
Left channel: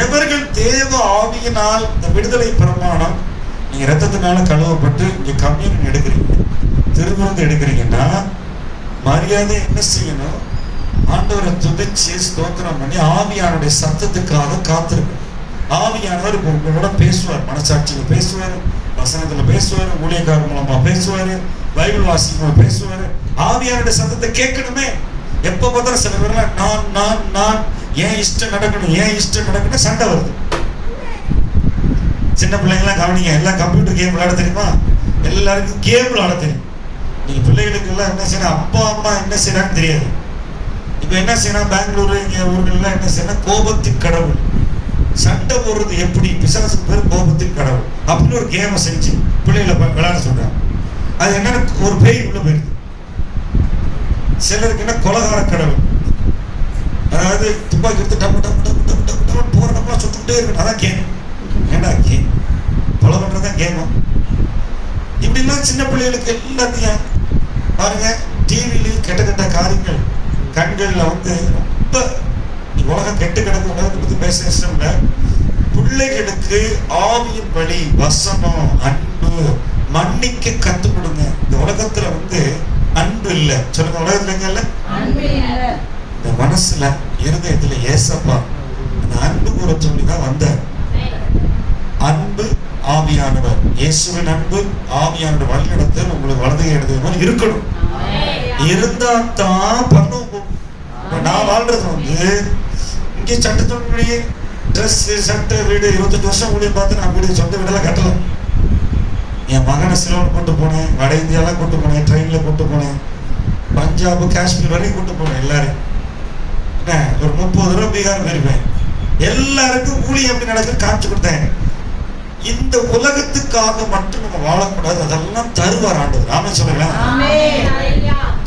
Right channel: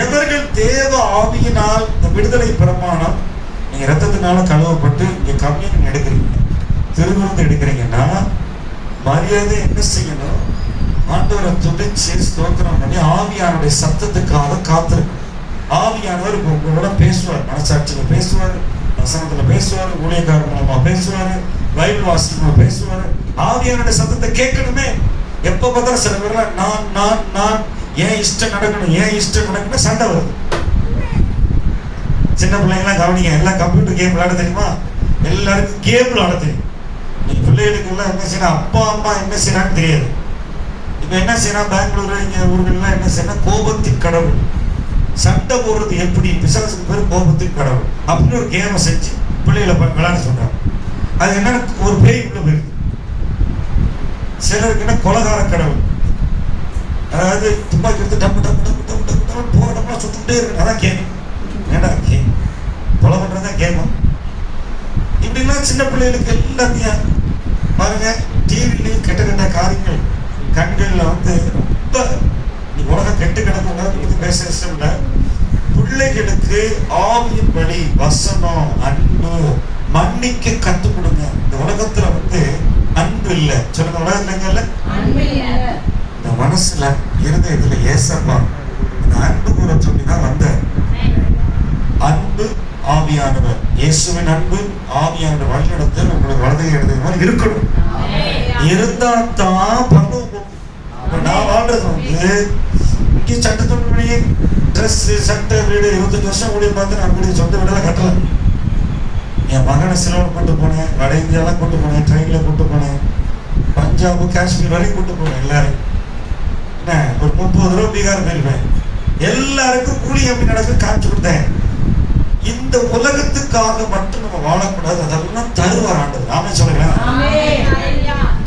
எவர்கள் தேவ ஆவியினால் இந்த விடுதலை பிரமாணம், நீங்க ரத்தத்தினால கழுவப்பட்டு இங்க கம்யூனியன் எடுக்கிறீங்க, திருவிருந்து எடுக்கிறீங்கன்னா மரியாதை என்ன செய்யணும்? ஆண்டவரை துதிச்சு ஸ்தோத்திரம் பண்ணி ஆவியானுடைய சத்தத்துக்காக காத்திருக்கும். ஆவியானவர் இப்போ உங்களோட பேசுவார், மனசாட்சியில பேசுவார், வசனத்துல பேசுவார், ஊழியக்காரர் மூலமா பேசுவாரு, பைபிள் வாசிக்கும் பேசுவாரு. ஆவியானுடைய சத்தத்தை கேட்கணுமே. எப்ப பார்த்தா சில பேர்லாம் நான் நான் நான் ஏன் இஷ்டம் நடக்கணும், ஏன் இஷ்டம் நடக்கணும் சண்டை வருது. சின்ன பிள்ளைங்களாம் கவனிங்க, எல்லாம் கம்ப்யூட்டர் கேம் விளையாட தெரியுமா? எல்லாருக்கும் கேம் விளையாட தெரியும். நீங்க பிள்ளைகளுக்கு எல்லாம் என்ன செய்யணும், அப்பா அம்மா என்ன செய்யறான்னு தெரியாது. இப்ப என்ன செய்யணும், பெங்களூரு இங்க ஊர்கள்லாம் என்ன செய்யணும், கோபத்தின் கடவுள். சண்டை போடுறது எப்படி, பிசாசுக்கு பேர் கோபத்தின் கடவுள் அப்படின்னு ஒரு கேமை செஞ்சு பிள்ளைகளை விளையாட சொல்றாங்க. அது என்ன, ஒரு பேய் உள்ள போயிருக்கு. சிலருக்கு என்ன கொலகார கடவுள், அதாவது துப்பாக்கி எடுத்து டப்பு டப்பு டப்பு டப்பு டப்பு டப்பு போற இடம்லாம் சுட்டுட்டே இருக்கு. அதான் கேம். ஏடா கேம், கொலை பண்றதுதான் கேமா? இப்படிலாம் சின்ன பிள்ளைகளுக்கு எல்லாத்தையும் பாருங்க. டிவியில கெட்ட கெட்ட காரியங்கள் கண்கள்ல வந்து ரொம்ப உலகம் கெட்டு கிடக்கும். உலகத்தை பத்தி பேசுற பிள்ளைகளுக்கு ஆவியின் வழி, வசனம், அன்பு, மன்னிக்க கத்து கொடுங்க. இந்த உலகத்துல வந்து அன்பு இல்லை. சொல்லுங்க, உலகத்துல இல்ல இந்த மனசுல இருதயத்துல ஏசப்பா அந்த அன்பு கூற சொல்லிதான் வந்தார். அன்பு ஆவியானவர், இயேசுவின் அன்பு ஆவியானவர் வழிநடத்தல் உங்களுக்கு வலது இடத்துல மாதிரி இருக்கணும். இருந்தா தான் பண்ணுவோம். நான் வாழ்றது வந்து இங்கே சட்டத்தொழிலே ட்ரெஸ், சட்டை, வீடு 25 வருஷம் ஊழியம் பார்த்து நான் வீடு சொந்த வீடெல்லாம் கட்டலாம். என் மகனை சிலோன் கூட்டு போனேன், வட இந்தியாலாம் கூட்டு போனேன், ட்ரெயின்ல கூட்டு போனேன், பஞ்சாப், காஷ்மீர் வரைக்கும் கூட்டு போனேன். எல்லாரும் ஒரு 30 தடவை பீகார் போயிருப்பேன். எல்லாருக்கும் கூலி எப்படி நடக்குன்னு காமிச்சு கொடுத்தேன். இந்த உலகத்துக்காக மட்டும் நம்ம வாழக்கூடாது. அதெல்லாம் தருவார் ஆண்டவர். ஆமென் சொல்லுங்களேன்.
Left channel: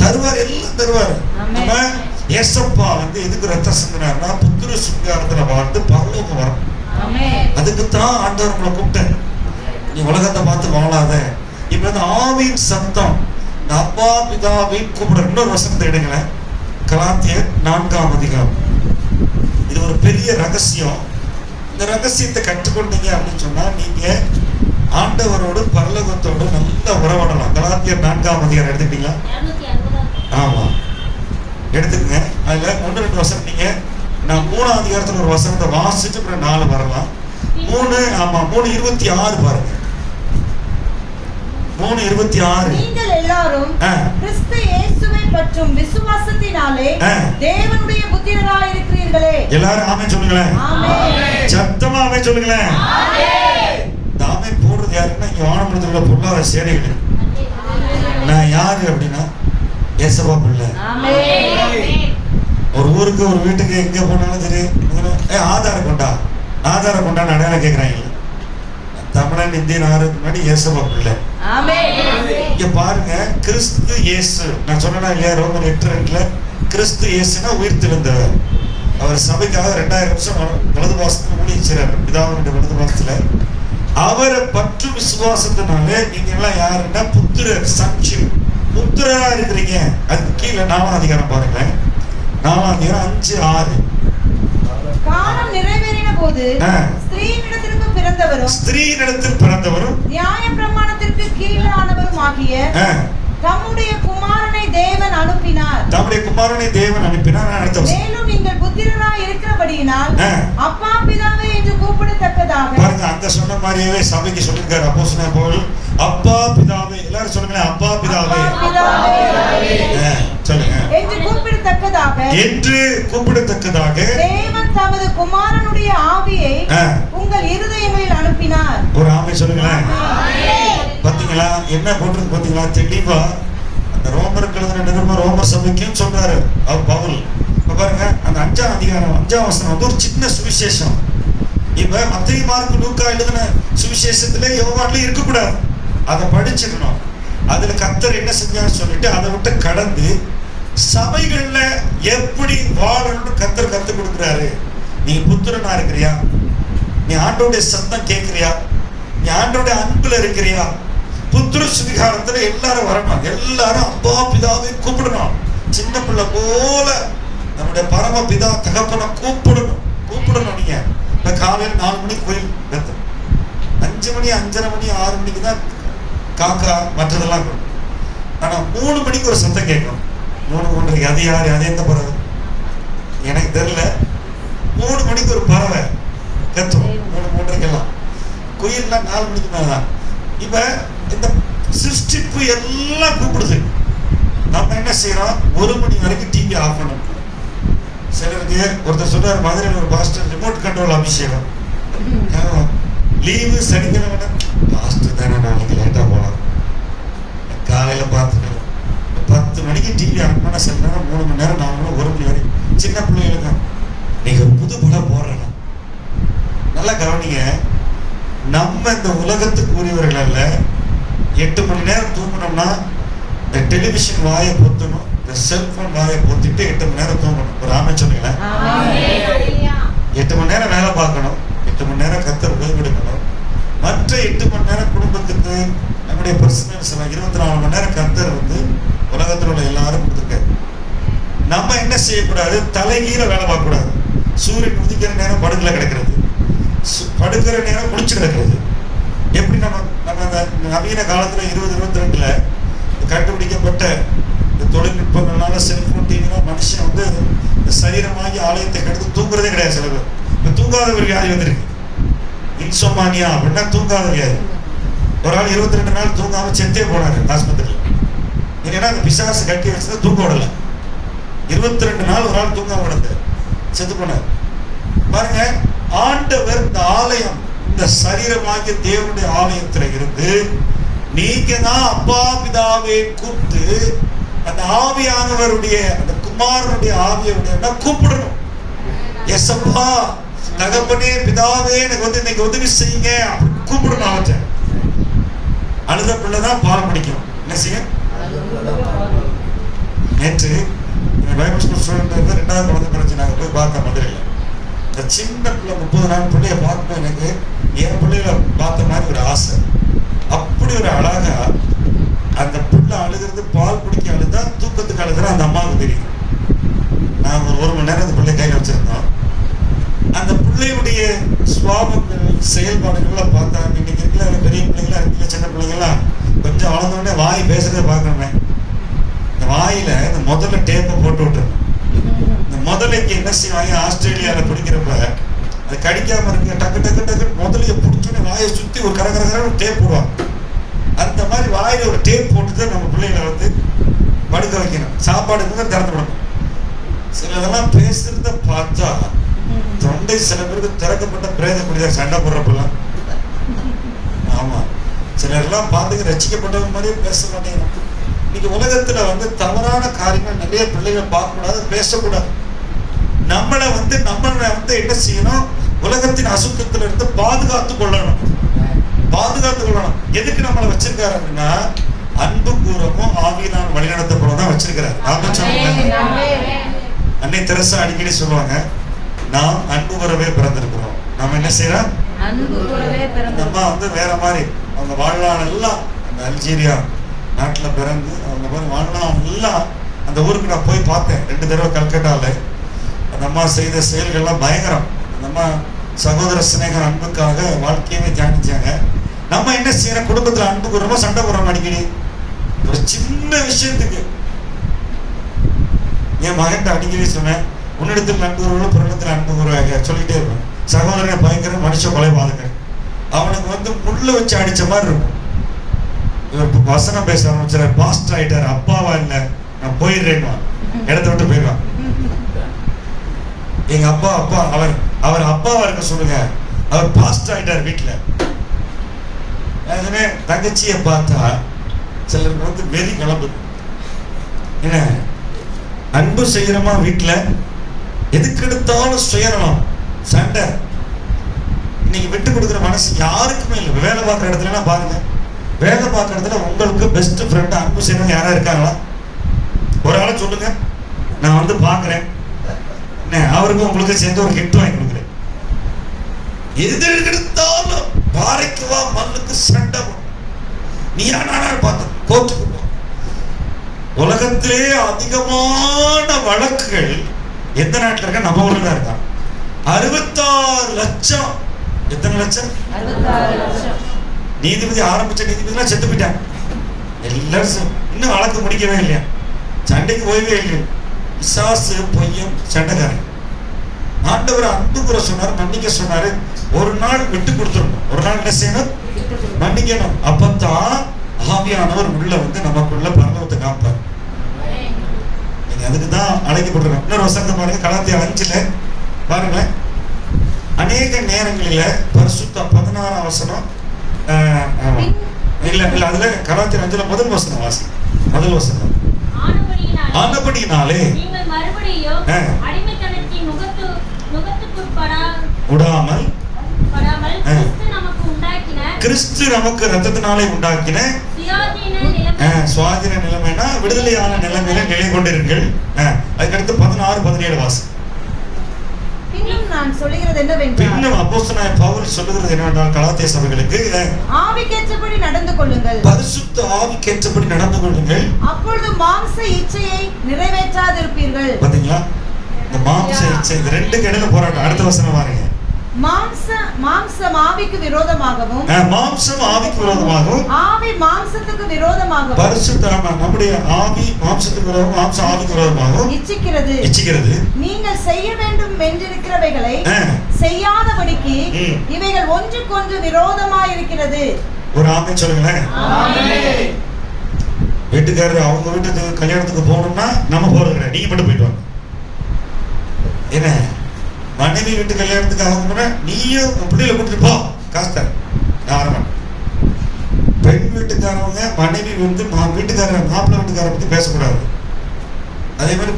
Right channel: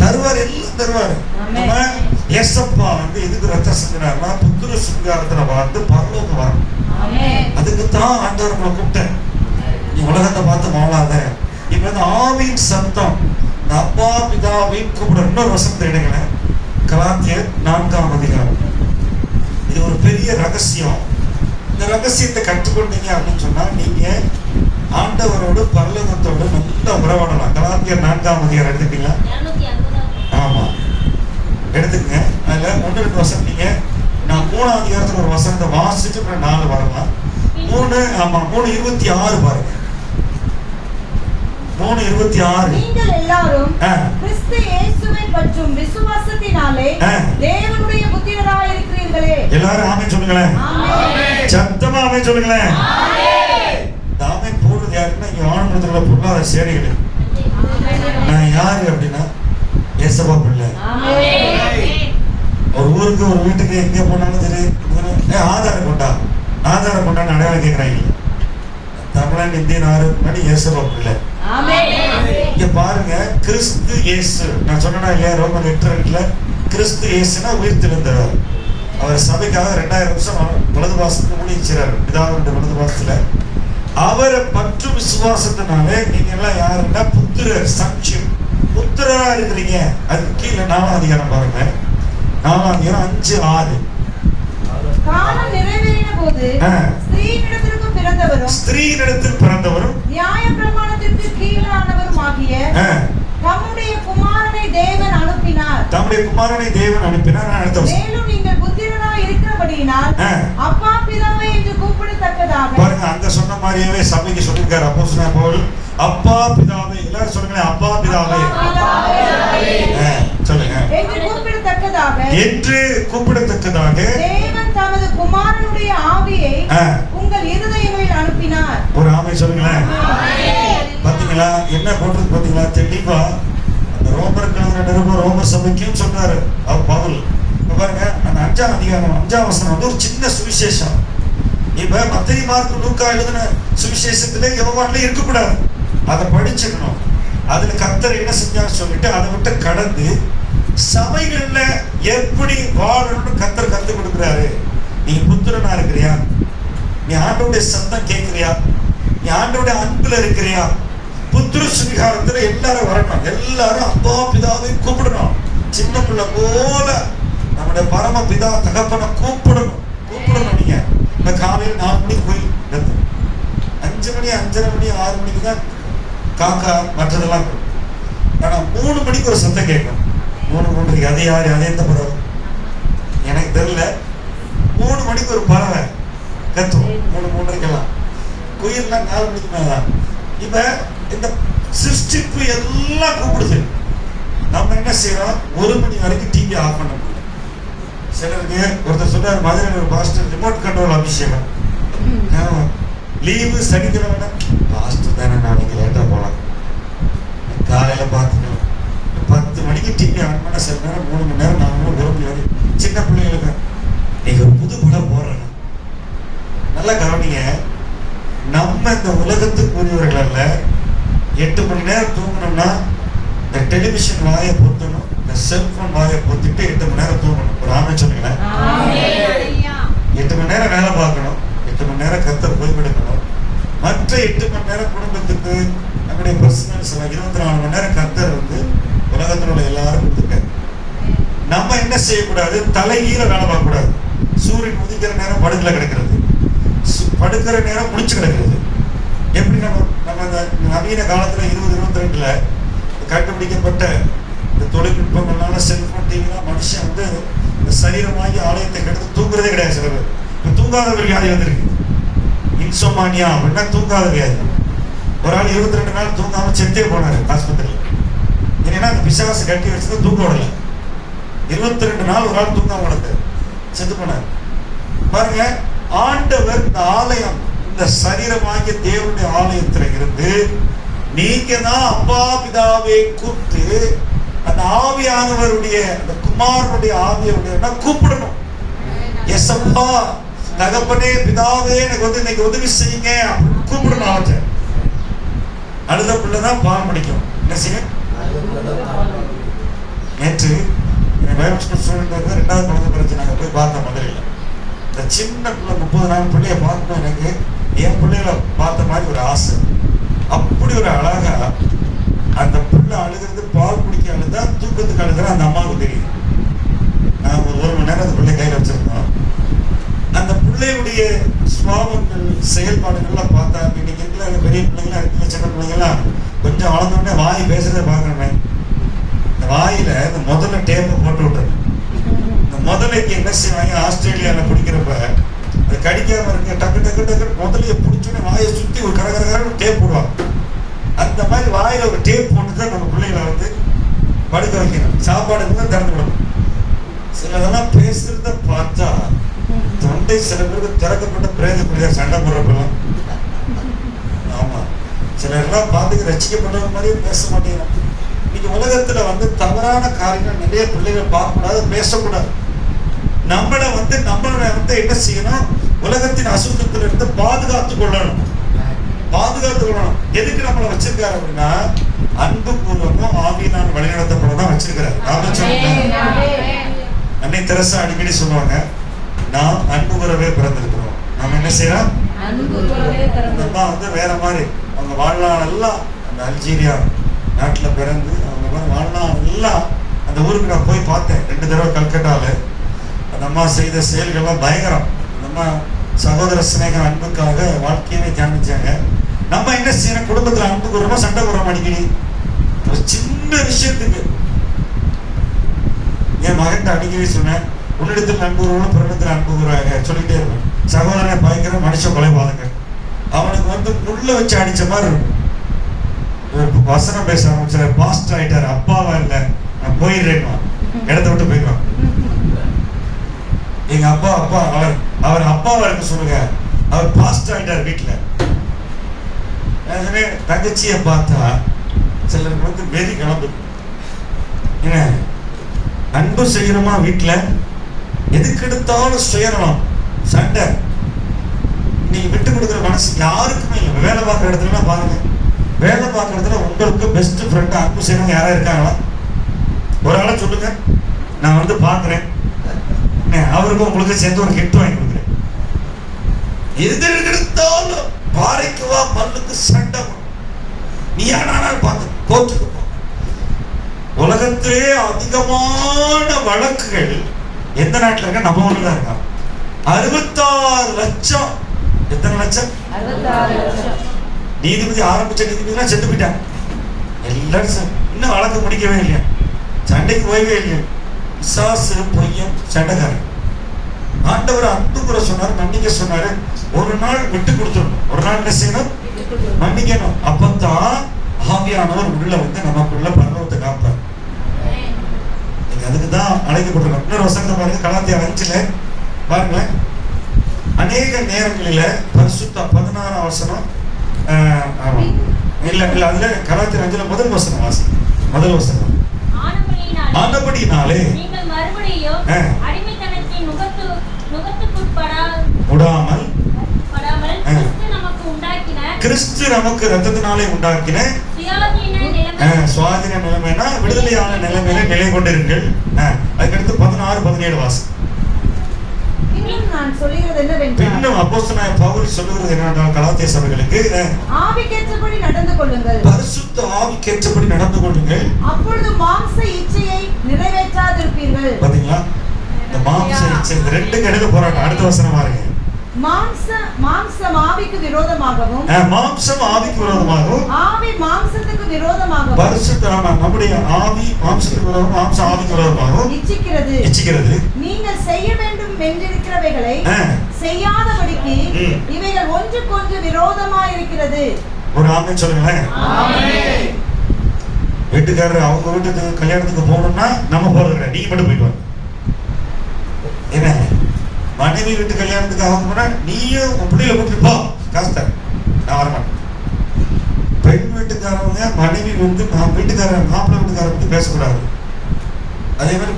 தருவார், எல்லாம் தருவார். நம்ம ஏசப்பா வந்து எதுக்கு ரத்தம் சிந்தினார்னா புத்திர சுங்காரத்துல வாழ்ந்து பரலோகம் வரணும். அதுக்குத்தான் ஆண்டவர் உங்களை கூப்பிட்டேன். நீ உலகத்தை பார்த்து வாழாத. இப்ப வந்து ஆவியின் சத்தம், அப்பா பிதாவின் கூப்பிட. இன்னொரு வசனத்தை எடுங்களேன், கலாத்தியர் 4ஆம் அதிகாரம். இது ஒரு பெரிய ரகசியம். இந்த ரகசியத்தை கற்றுக்கொண்டீங்க அப்படின்னு சொன்னா நீங்க ஆண்டவரோடு பரலோகத்தோடு நல்ல உறவாடலாம். கலாத்தியர் 4ஆம் அதிகாரம் எடுத்துட்டீங்களா? ஆமா, எடுத்துக்கங்க. அதுல 1-2 வசனம் நீங்க, நான் 3ஆம் அதிகாரத்துல ஒரு வசனத்தை வாசிட்டு அப்புறம் 4 வரலாம். 3:26 பாருங்க. 3:26. நீங்கள் எல்லாரும் கிறிஸ்து இயேசுவை பற்றும் விசுவாசத்தினாலே தேவனுடைய புத்திரராய் இருக்கிறீர்களே. எல்லாரும் ஆமென் சொல்லுங்களேன். ஆமென். சத்தமா ஆமென் சொல்லுங்களேன். ஆமென். ஆமென் போடுறது யாருன்னா இங்க வானமண்டலத்துல பொல்லாத சேனைகள். நான் யாரு அப்படின்னா ஏசப்பா பிள்ளை. ஆமென். ஒரு ஊருக்கு ஒரு வீட்டுக்கு எங்க போனாலும் சரி, ஆதாரம் கொண்டா, ஆதாரம் கொண்டான்னு அடையாளம் கேட்கிறாங்க. தமிழன் இந்தியன் ஆறுக்கு முன்னாடி ஏசப்பா பிள்ளை. இங்க பாருங்க, கிறிஸ்து இயேசு. நான் சொன்னா இல்லையா, ரோமர் 8:2 கிறிஸ்து இயேசுனா உயிர்த்தெழுந்தவர். அவர் சபைக்காக 2000 வருஷம் வலது வாசத்துக்கு முடிச்சார். பிதாவுடைய வலது வாசத்துல அவரை பற்று விசுவாசத்தினாலே நீங்க எல்லாம் யாருன்னா புத்திரர், சன்ஷி, புத்திரரா இருக்கிறீங்க. அதுக்கு கீழே 4ஆம் அதிகாரம் பாருங்க. 4ஆம் அதிகாரம் 5-6. காலம் நிறைவேறின போது ஸ்திரீயிடத்தில் பிறந்தவரும் நியாய பிரமாணத்திற்கு கீழானவரும் ஆகிய தம்முடைய குமாரனை தேவன் அனுப்பினார். மேலும் நீங்கள் புத்திரராய் இருக்கிறபடியினால் அப்பா பிதாவே என்று கூப்பிடத்தக்கதாக. பாருங்க, அங்க சொன்ன மாதிரியே சபைக்கு சொல்லிருக்காரு அப்போஸ்தலன் பவுல். அப்பா பிதாவே, எல்லாரும் சொல்லுங்க, அப்பா பிதாவே சொல்லுங்க என்று கூப்பிடத்தக்கதாக தேவன் தமது குமாரனுடைய ஆவியை உங்கள் இருதயங்களில் அனுப்பினார். ஒரு ஆமென் சொல்லுங்களேன். பாத்தீங்களா என்ன போட்டிருக்கு? பாத்தீங்களா தெளிவா அந்த ரோமருக்கு எழுதின நிருபம் ரோம சபைக்கும் சொல்றாரு அவர் பவுல். இப்ப பாருங்க, அந்த 5ஆம் அதிகாரம் 5ஆம் வசனம் வந்து ஒரு சின்ன சுவிசேஷம். இப்ப மத்தேயு, மார்க்கு, லூக்கா எழுதின சுவிசேஷத்திலே யோவான்லயும் இருக்கக்கூடாது. அதை படிச்சுக்கணும். அதுல கர்த்தர் என்ன செஞ்சான்னு சொல்லிட்டு அதை விட்டு கடந்து சபைகள்ல எப்படி வாழணும்னு கர்த்தர் கத்துக் கொடுக்குறாரு. நீ புத்திரனா இருக்கிறியா? நீ ஆண்டவருடைய சத்தம் கேட்கிறியா? நீ ஆண்டவருடைய அன்புல இருக்கிறியா? புத்திர சுவிகாரத்துல எல்லாரும் வரணும். எல்லாரும் அப்பா பிதாவை கூப்பிடணும். சின்ன பிள்ளை போல நம்முடைய பரம பிதா தகப்பனை கூப்பிடணும். நீங்க இந்த காலையில 4 மணிக்கு கோயில் கத்து, 5 மணி 5:30 மணி 6 மணிக்கு தான் காக்கா மற்றதெல்லாம். ஆனா 3 மணிக்கு ஒரு சத்தம் கேட்கும். 3:30 அது யாரு? அது எந்த பறவை எனக்கு தெரியல. 3 மணிக்கு ஒரு பறவை கத்துவோம். 3:30 குயில்லாம் 4 மணிக்கு மேலதான். இப்ப இந்த சிருஷ்டிப்பு எல்லாம் கூப்பிடுது. நம்ம என்ன செய்யறோம்? 1 மணி வரைக்கும் டிவி ஆஃப் பண்ணணும். சிலருக்கு ஒருத்தர் சொல்றாரு, மதுரையில் ஒரு பாஸ்டர் ரிமோட் கண்ட்ரோல் அபிஷேகம். லீவு சனிக்கிழமை, பாஸ்டர் தானே நாளைக்கு லேட்டா போலாம், காலையில பார்த்துக்கலாம். 10 மணிக்கு டிவி ஆன் பண்ண சில நேரம் 3 மணி நேரம் 4 மணி 1 மணி வரைக்கும். சின்ன பிள்ளைகளுக்கு நீங்க ஒரு புது படம் போடுறேன்னா நல்லா கவனிங்க. நம்ம இந்த உலகத்துக்கு உரியவர்கள் அல்ல. 8 மணி நேரம் தூங்கணும்னா இந்த டெலிவிஷன் வாயை பொத்தணும், இந்த செல்போன் வாயை பொத்திட்டு 8 மணி நேரம் தூங்கணும். ஒரு ஆமை சொன்னீங்களேன். 8 மணி நேரம் வேலை பார்க்கணும், 8 மணி நேரம் கர்த்தர் ஓய்வெடுக்கணும். மற்ற 8 மணி நேரம் குடும்பத்துக்கு நம்முடைய பர்சனல்ஸ் 24 மணி நேரம் கர்த்தர் வந்து உலகத்தில் உள்ள எல்லாரும் கொடுத்துருக்காரு. நம்ம என்ன செய்யக்கூடாது? தலைகீழ வேலை பார்க்கக்கூடாது. சூரியன் உதிக்கிற நேரம் படுக்கல கிடக்கிறது, படுக்கிற நேரம் முடிச்சு கிடக்கிறது. எப்படி நம்ம அந்த நவீன காலத்துல 2022ல கண்டுபிடிக்கப்பட்ட இந்த தொழில்நுட்பங்கள்னால செல்போன் டிவிலாம் மனுஷன் வந்து இந்த சரீரமாகி ஆலயத்தை கெடுத்து தூங்குறதே கிடையாது. சில பேர் இப்போ தூங்காத ஒரு வியாதி வந்திருக்கு, இன்சோமானியா அப்படின்னா தூங்காத வியாதி. ஒரு ஆள் 22 நாள் தூங்காம செத்தே போனாரு ஆஸ்பத்திரியில். ஏன்னா அந்த பிசாசு கட்டி வச்சதை தூங்க விடல. 22 நாள் ஒரு ஆள் தூங்காம விடது செத்து போனார். பாருங்க, ஆண்டவர் இந்த ஆலயம், இந்த சரீரமாகிய தேவனுடைய ஆலயத்துல இருந்து நீங்க தான் அப்பா பிதாவை கூப்பிட்டு அந்த ஆவியானவருடைய அந்த குமாரனுடைய ஆவியுடைய கூப்பிடணும். எசப்பா தகப்பனே பிதாவே எனக்கு வந்து இன்னைக்கு உதவி செய்யுங்க கூப்பிடணும். அவற்றை அழுத பிள்ளைதான் பால் படிக்கும். என்ன செய்ய? நேற்று பைபிள் ஸ்கூல் ஸ்டூடெண்ட் 2வது குழந்தை பிரச்சனை நாங்கள் போய் பார்த்தேன் மதுரையில். இந்த சின்ன பிள்ளை 30 நாள் பிள்ளைய பார்க்கும் எனக்கு என் பிள்ளைகளை பார்த்த மாதிரி ஒரு ஆசை. அப்படி ஒரு அழகா அந்த பிள்ளை அழுகிறது, பால் குடிக்க அழுதா தூக்கத்துக்கு அழுகிற அந்த அம்மாவுக்கு தெரியும். நான் ஒரு மணி நேரம் அந்த பிள்ளை கையில் வச்சிருந்தோம். அந்த பிள்ளையுடைய சுவாபங்கள் செயல்பாடுகள்லாம் பார்த்தா இன்னைக்கு இருக்கிற பெரிய பிள்ளைங்களா இருக்கிற சின்ன பிள்ளைங்களாம் கொஞ்சம் வளர்ந்தோடனே வாய் பேசுறதை பார்க்கணுமே. இந்த வாயில இந்த முதல்ல டேப்பை போட்டு விட்டுரு. இந்த முதலைக்கு என்ன செய்வாங்க? ஆஸ்திரேலியாவில் பிடிக்கிறப்ப அது கடிக்காம இருக்கு, டக்கு டக்கு டக்கு முதலைய பிடிச்சோடனே வாயை சுற்றி ஒரு கரகர ஒரு டேப் போடுவாங்க. அந்த மாதிரி வாயில ஒரு டேப் போட்டு தான் நம்ம பிள்ளைகளை வந்து படுக்க வைக்கணும். சாப்பாடு திறந்து விடணும். சிலதெல்லாம் பேசுறத பார்த்தா தொண்டை சில பேருக்கு திறக்கப்பட்ட பிரேத குடிதான் சண்டை போடுறப்பெல்லாம். ஆமா, சிலர்லாம் பார்த்துக்க ரசிக்கப்பட்டவங்க மாதிரியே பேச மாட்டேங்கிறோம். இன்னைக்கு உலகத்துல வந்து தவறான காரியங்கள் நிறைய பிள்ளைகள் பார்க்கக்கூடாது, பேசக்கூடாது. நம்மளை வந்து என்ன செய்யணும்? உலகத்தின் அசுத்தத்துல இருந்து பாதுகாத்து கொள்ளணும். எதுக்கு நம்மளை வச்சிருக்காரு அப்படின்னா அன்பு கூறமும் ஆவியினால் வழிநடத்தப்படதான் வச்சிருக்கிறாரு. நாம சொல்லுங்க, அன்னை தெரசா அடிக்கடி சொல்லுவாங்க, நாம் அன்பு கூறவே பிறந்திருக்கிறோம். நம்ம என்ன செய்யறோம்? நம்ம வந்து வேற மாதிரி அவங்க வாழ்நாள் எல்லாம் அந்த அல்ஜீரியா நாட்டுல பிறந்து அவங்க மாதிரி வாழ்நாள் எல்லாம் அந்த ஊருக்கு நான் போய் பார்த்தேன் 2 தடவை கல்கட்டால. அந்த அம்மா செய்த செயல்கள்லாம் பயங்கரம். அந்த அம்மா சகோதர சிநேகம் அன்புக்காக வாழ்க்கையவே தியானிச்சாங்க. நம்ம என்ன செய்யறோம்? குடும்பத்துல அன்பு கூறமா சண்டை போடுறோம் அடிக்கடி ஒரு சின்ன விஷயத்துக்கு. என் மகன் அடிக்கடி சொன்னேன், உன்னிடத்தில் அன்பு கூறணும், புறத்தில் அன்பு கூறுவாங்க சொல்லிட்டே இருக்கும். சகோதரனை பயங்கர மனுஷ கொலைபாதங்க. அவனுக்கு வந்து முள்ள வச்சு அடிச்ச மாதிரி இருக்கும். வசனம் பேச ஆரம்பிச்சாரு, பாஸ்டர் ஆயிட்டாரு. அப்பாவா இல்லை, நான் போயிடுறேன், இடத்த விட்டு போயிடுவான். எங்க அப்பா அவர் அப்பாவா இருக்க சொல்லுங்க, அவர் பாஸ்டர் ஆயிட்டாரு வீட்டுல. தங்கச்சியை பார்த்தா சிலருக்கு வந்து வெறி கிளம்புது. என்ன அன்பு செய்யறோமா வீட்டுல? எதுக்கு எடுத்தாலும் சுயநலம், சண்டை. நீங்க விட்டு கொடுக்குற மனசு யாருக்குமே இல்லை. வேலை பார்க்குற இடத்துல பாருங்க, வேலை பார்க்குற இடத்துல உங்களுக்கு பெஸ்ட் ஃப்ரெண்ட் அன்பு செய்யறவங்க யாரா இருக்காங்களா? ஒரு ஆளை சொல்லுங்க. நான் வந்து பார்க்குறேன், அவருக்கும் உங்களுக்கு சேர்ந்து ஒரு கிஃப்ட் வாங்கி கொடுக்குறேன். எது எடுத்தாலும் பாறைக்கு வா மண்ணுக்கு சண்டை, நீ ஆனால் பார்த்து கோர்ட்டுக்கு போ. உலகத்திலே அதிகமான வழக்குகள் எந்த நாட்டில் இருக்க? நம்ம ஊர்ல தான் இருக்காங்க. 66 லட்சம். எத்தனை லட்சம்? 66 லட்சம். நீதிபதி ஆரம்பிச்ச நீதிபதினா செத்து போயிட்டாங்க எல்லாரும். இன்னும் வழக்கு முடிக்கவே இல்லையா, சண்டைக்கு ஓய்வே இல்லையா. பிசாசு, பொய்யன், சண்டைக்காரன். ஆண்டவர் அன்பு கூற சொன்னார், மன்னிக்க சொன்னாரு. ஒரு நாள் விட்டு கொடுத்துடணும், ஒரு நாள் என்ன செய்யணும்? மன்னிக்கணும். அப்பதான் ஆவியானவர் உள்ள வந்து நமக்குள்ள பரலோகத்தை காப்பார். நீங்க அதுக்கு தான் அழைக்கப்பட்டிருக்கோம். இன்னொரு வசனத்தை பாருங்க, கலாத்தியர் 5 பாருங்களேன். அநேக நேரங்களில பரிசுத்த 16 வசனம், இல்ல இல்ல அதுல கலாத்தியர் 5 முதல் வசனம் வாசி. முதல் வசனம், ஆனபடியினாலே நீங்கள் மறுபடியும் அடிமைத்தனத்தின் நுகத்துக்குட்படாமல் கிறிஸ்து நமக்கு இரத்தத்தினாலே உண்டாக்கின சுயாதீன நிலைமைனா விடுதலையான நிலைமையில நிலை கொண்டிருங்கள். அதுக்கடுத்து 16, 17 வாசி. பின்னும் அப்போஸ்தலனாகிய பவுல் சொல்லுகிறது என்னவென்றால், கலாத்திய சபைகளுக்கு ஆவிக்கேற்றபடி நடந்து கொள்ளுங்கள், பரிசுத்த ஆவிக்கேற்றபடி நடந்து கொள்ளுங்கள், அப்பொழுது மாம்ச இச்சையை நிறைவேற்றாதிருப்பீர்கள். பாத்தீங்களா? இந்த மாம்ச இச்சை, இந்த ரெண்டுக்கு இடையில போராட்டம். அடுத்த வசனம் பாருங்க. மாம்சம் ஆவிக்கு விரோதமாகவும், மாம்சம் ஆவிக்கு விரோதமாகவும், ஆவி மாம்சத்துக்கு விரோதமாகவும், பரிசுத்த நம்முடைய ஆவி மாம்சத்துக்கு விரோதமாகவும், மாம்சம் ஆவிக்கு விரோதமாகவும் இச்சிக்கிறது. நீங்கள் செய்ய வேண்டும் என்றிருக்கிறவைகளை செய்யாதபடிக்கு இவைகள் ஒன்றுக்கொன்று விரோதமாய் இருக்கிறது. ஒரு ஆமென் சொல்லுங்களேன். வீட்டுக்காரர் அவங்க வீட்டுக்கு கல்யாணத்துக்கு போகணும்னா நம்ம போறது கிடையாது, நீங்க மட்டும் போயிட்டு வாங்க. என்ன மனைவி வீட்டு கல்யாணத்துக்கு அவங்க போனா நீயும் பிள்ளைகளை கூட்டிட்டு போ, காசு தர, நான் வரமாட்டேன். பெண் வீட்டுக்காரவங்க மனைவி வந்து வீட்டுக்காரர் மாப்பிள்ளை வீட்டுக்காரரை பத்தி பேசக்கூடாது. அதே மாதிரி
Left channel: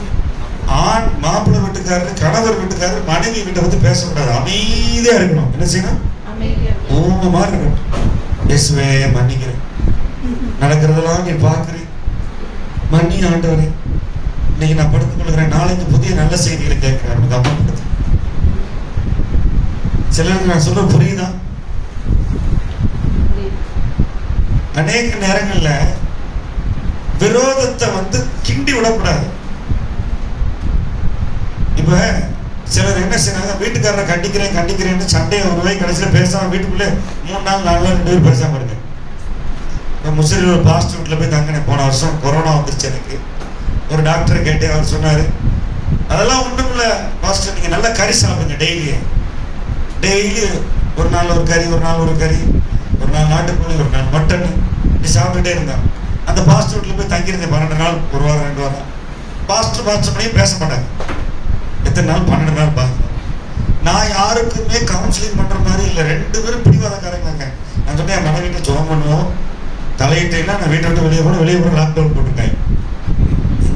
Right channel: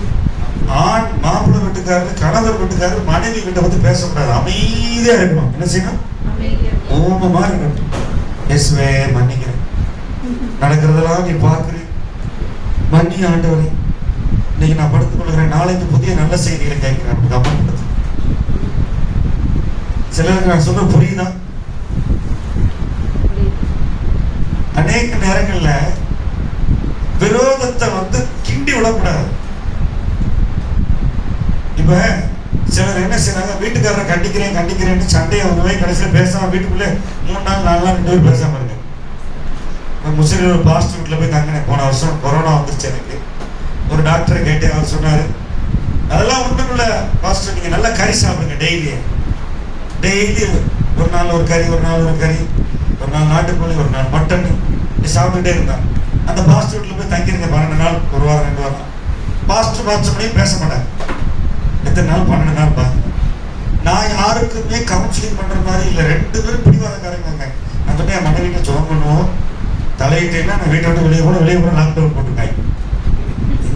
ஆண் மாப்பிள்ளை வீட்டுக்காரர் கணவர் வீட்டுக்காரர் மனைவி வீட்டை பத்தி பேசக்கூடாது. அமைதியா இருக்கணும். என்ன செய்யணும்? ஊமமா இருக்கணும். இயேசுவே மன்னிக்கிறேன், நடக்கிறதெல்லாம் நீ பார்க்கிறேன், மன்னி ஆண்டவரே, இன்னைக்கு நான் படுத்துக் கொள்கிறேன், நாளைக்கு புதிய நல்ல செய்திகளை கேட்கிறேன். கவனப்படுத்து. சிலருக்கு நான் சொல்ல புரியுதா? அநேக நேரங்கள்ல விரோதத்தை வந்து கிண்டி விடக்கூடாது. இப்ப சிலர் என்ன செய்யறாங்க, வீட்டுக்காரரை கண்டிக்கிறேன்னு சண்டையை ஒரு ரூபாய் கடைசியில் பேசாம வீட்டுக்குள்ளே 3 நாள் 4 நாள் 2 பேர் பேசாம இருங்க. முஸ்லீம் ஒரு பாஸ்டர் வீட்டில் போய் தங்கினேன். போன வருஷம் கொரோனா வந்துருச்சு. எனக்கு ஒரு டாக்டரை கேட்டேன். அவர் சொன்னாரு, அதெல்லாம் ஒன்றும் இல்லை பாஸ்டர், நீங்க நல்லா கறி சாப்பிடுங்க, டெய்லி ஒரு நாள் ஒரு கறி, ஒரு நாள் ஒரு கறி, ஒரு நாள் நாட்டுக்கோழி, ஒரு நாள் மட்டன், இப்படி சாப்பிட்டுட்டே இருந்தான். அந்த பாஸ்டர் வீட்டில் போய் தங்கியிருந்தேன் 12 நாள், ஒரு வாரம் 2 வாரம். பாஸ்டர் பண்ணியும் பேச மாட்டாங்க. எத்தனை நாள்? 12 நாள் பாருங்க. நான் யாருக்குமே கவுன்சிலிங் பண்ற மாதிரி இல்லை. 2 பேரும் பிடிவாதக்காரங்க. நான் சொன்னேன், என் மனைவி வீட்டில் ஜோம் பண்ணுவோம், தலையிட்டேன்னா நான் வீட்டை விட்டு வெளியே கூட லாக்டவுன் போட்டுருக்காங்க.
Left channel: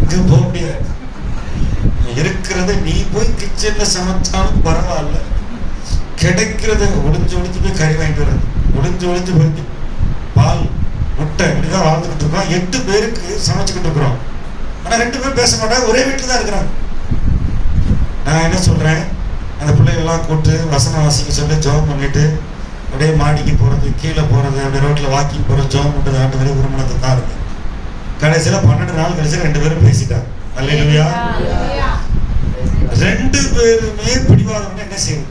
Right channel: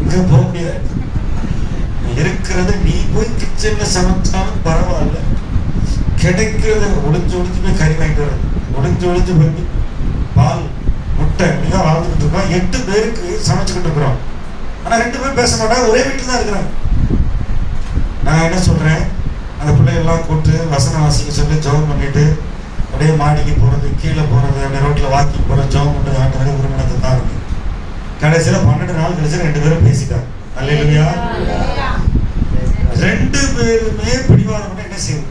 எங்க போக முடியாது. இருக்கிறது நீ போய் கிச்சன்ல சமைச்சாலும் பரவாயில்ல, கிடைக்கிறது ஒளிஞ்சு போய் கறி வாங்கிட்டு வர்றது, ஒளிஞ்சு போய் பால் முட்டை இப்படிதான் வாழ்ந்துட்டு இருக்கோம். 8 பேருக்கு சமைச்சுக்கிட்டு இருக்கிறோம். ஆனா 2 பேரும் பேச மாட்டாங்க, ஒரே வீட்டுல தான் இருக்கிறாங்க. நான் என்ன சொல்றேன், அந்த பிள்ளைகள்லாம் கூப்பிட்டு வசனம் வாசிக்க சொல்லி ஜெபம் பண்ணிட்டு அப்படியே மாடிக்கு போறது, கீழே போறது, அப்படியே ரோட்ல வாக்கிங் போறது, ஜெபம் பண்றது, ஆண்டு உருமணத்தை தான் இருக்கு. கடைசியில 12 நாள் கழிச்சு 2 பேரும் பேசிட்டாங்க. அல்லேலூயா. 2 பேருமே பிடிவாதம் என்ன செய்யும்?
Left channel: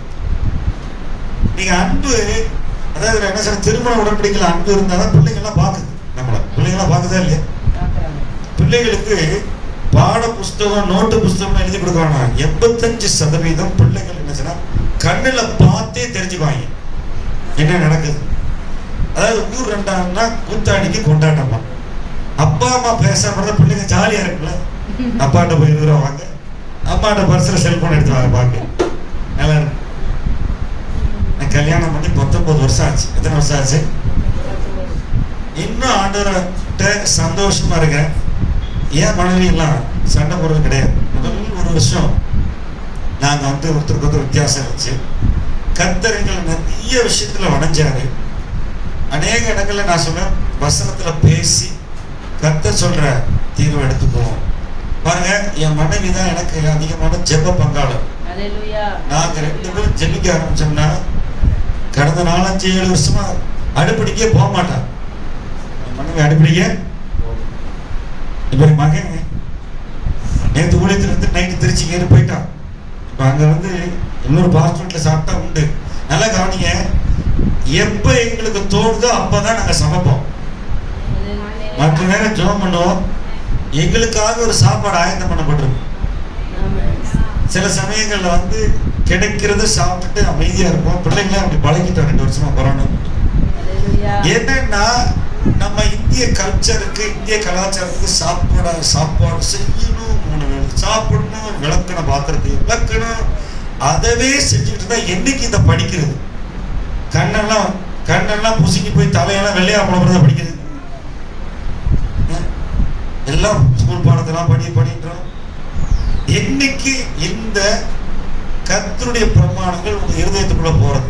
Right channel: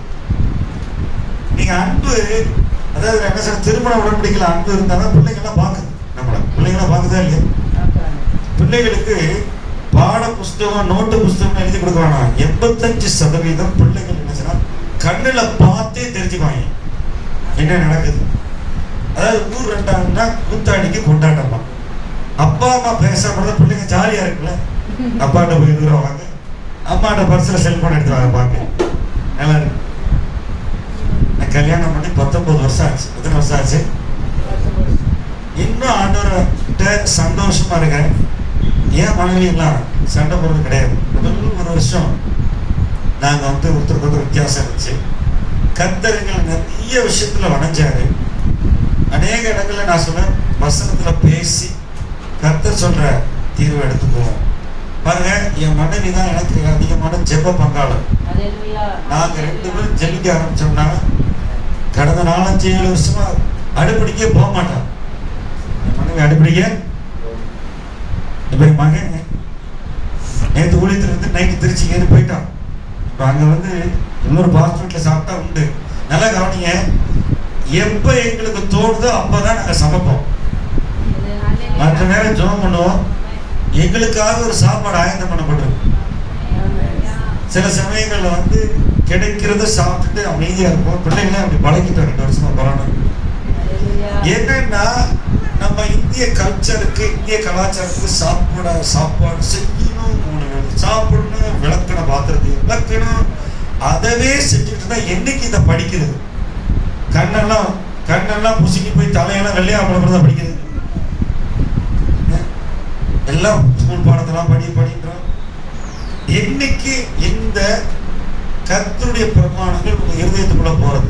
நீங்க அன்பு, அதாவது என்ன சொல்ற, திருமண உடன்படிக்கையில அன்பு இருந்தாதான் பிள்ளைங்கள்லாம் பாக்குது. நம்மள பிள்ளைங்களாம் பாக்குதா இல்லையா? பிள்ளைகளுக்கு பாட புஸ்தகம், நோட்டு புஸ்தகம் எழுதி கொடுக்குறாங்க. 85% பிள்ளைகள் என்ன செய்யணும், கண்ணுல பார்த்தே தெரிஞ்சுக்குவாங்க என்ன நடக்குது. அதாவது ஊர் 2ஆம்னா கூத்தாடிக்கு கொண்டாட்டம் தான். அப்பா அம்மா பேசாம பிள்ளைங்க ஜாலியா இருக்குல்ல. அப்பாட்ட போய் வாங்க, அம்மாட்ட பர்ஸ்ல செல்போன் எடுத்து வாங்க பாக்க நல்லா இருக்கு. நான் கல்யாணம் பண்ணி 19 வருஷம் ஆச்சு. எத்தனை வருஷம் ஆச்சு? இன்னும் ஆண்டவர்கிட்ட சந்தோஷமா இருக்கேன். ஏன் மனைவி எல்லாம் சண்டை போடுறது கிடையாது. முதல் 1 வருஷம் நாங்க ஒருத்தருக்கு ஒருத்தர் வித்தியாசம் இருந்துச்சு. கர்த்தர்கள் நிறைய விஷயத்துல வணைஞ்சாரு. அநேக இடங்கள்ல நான் சொன்னேன், வசனத்துல பேசி கர்த்தர் சொல்ற தீர்வை எடுத்துக்குவோம். பாருங்க, என் மனைவி தான் எனக்கு அதிகமான ஜெப பங்காளர். நாங்க 2 பேரும் ஜெபிக்க ஆரம்பிச்சோம்னா கடந்த 4-7 வருஷமா அடுப்படிக்கே போக மாட்டான். என் மனைவி அடுப்படிக்க. இப்ப என் மகன் நேற்று ஊழியத்துல இருந்து நைட்டு திருச்சி ஏறி போயிட்டான். அங்க இன்னொரு பாஸ்டர்ல சாப்பிட்டா உண்டு. நல்லா கவனிங்க, எப்ப எங்களுக்கு தோணுதோ அப்பதான் நாங்க சமைப்போம். மற்ற நேரம் ஜெபம் பண்ணுவோம். எங்களுக்காக ஒரு சாப்பாடு ஆயத்தம் பண்ணப்பட்டிருக்கும். சில சமயங்கள்ல கிடைக்கிறத சாப்பிட்டுட்டு அமைதியா இருப்போம். பிள்ளைங்கள அப்படி பழகிட்டோம் 2 வருஷமா போறோம். என்னன்னா நம்ம இந்திய கல்ச்சருக்கு, இந்திய கலாச்சாரத்துக்கு சாப்பாடு செய்யணும், 3 வேளை சாப்பிடணும், விளக்கணும், பாத்திரத்தை விளக்கணும், அதவே செஞ்சுட்டு இருந்தா என்னைக்கு இதை படிக்கிறது? கண்ணெல்லாம் புசிக்கி போய் தலையெல்லாம் வெள்ளையா போனதான் படிக்கிறது. எல்லாம் ஸ்கூல் பாடத்தெல்லாம் படின்றோம். என்னைக்கு இந்த கர்த்தருடைய பிரமாணங்கள் உங்க இருதயத்துக்குள்ள போறது?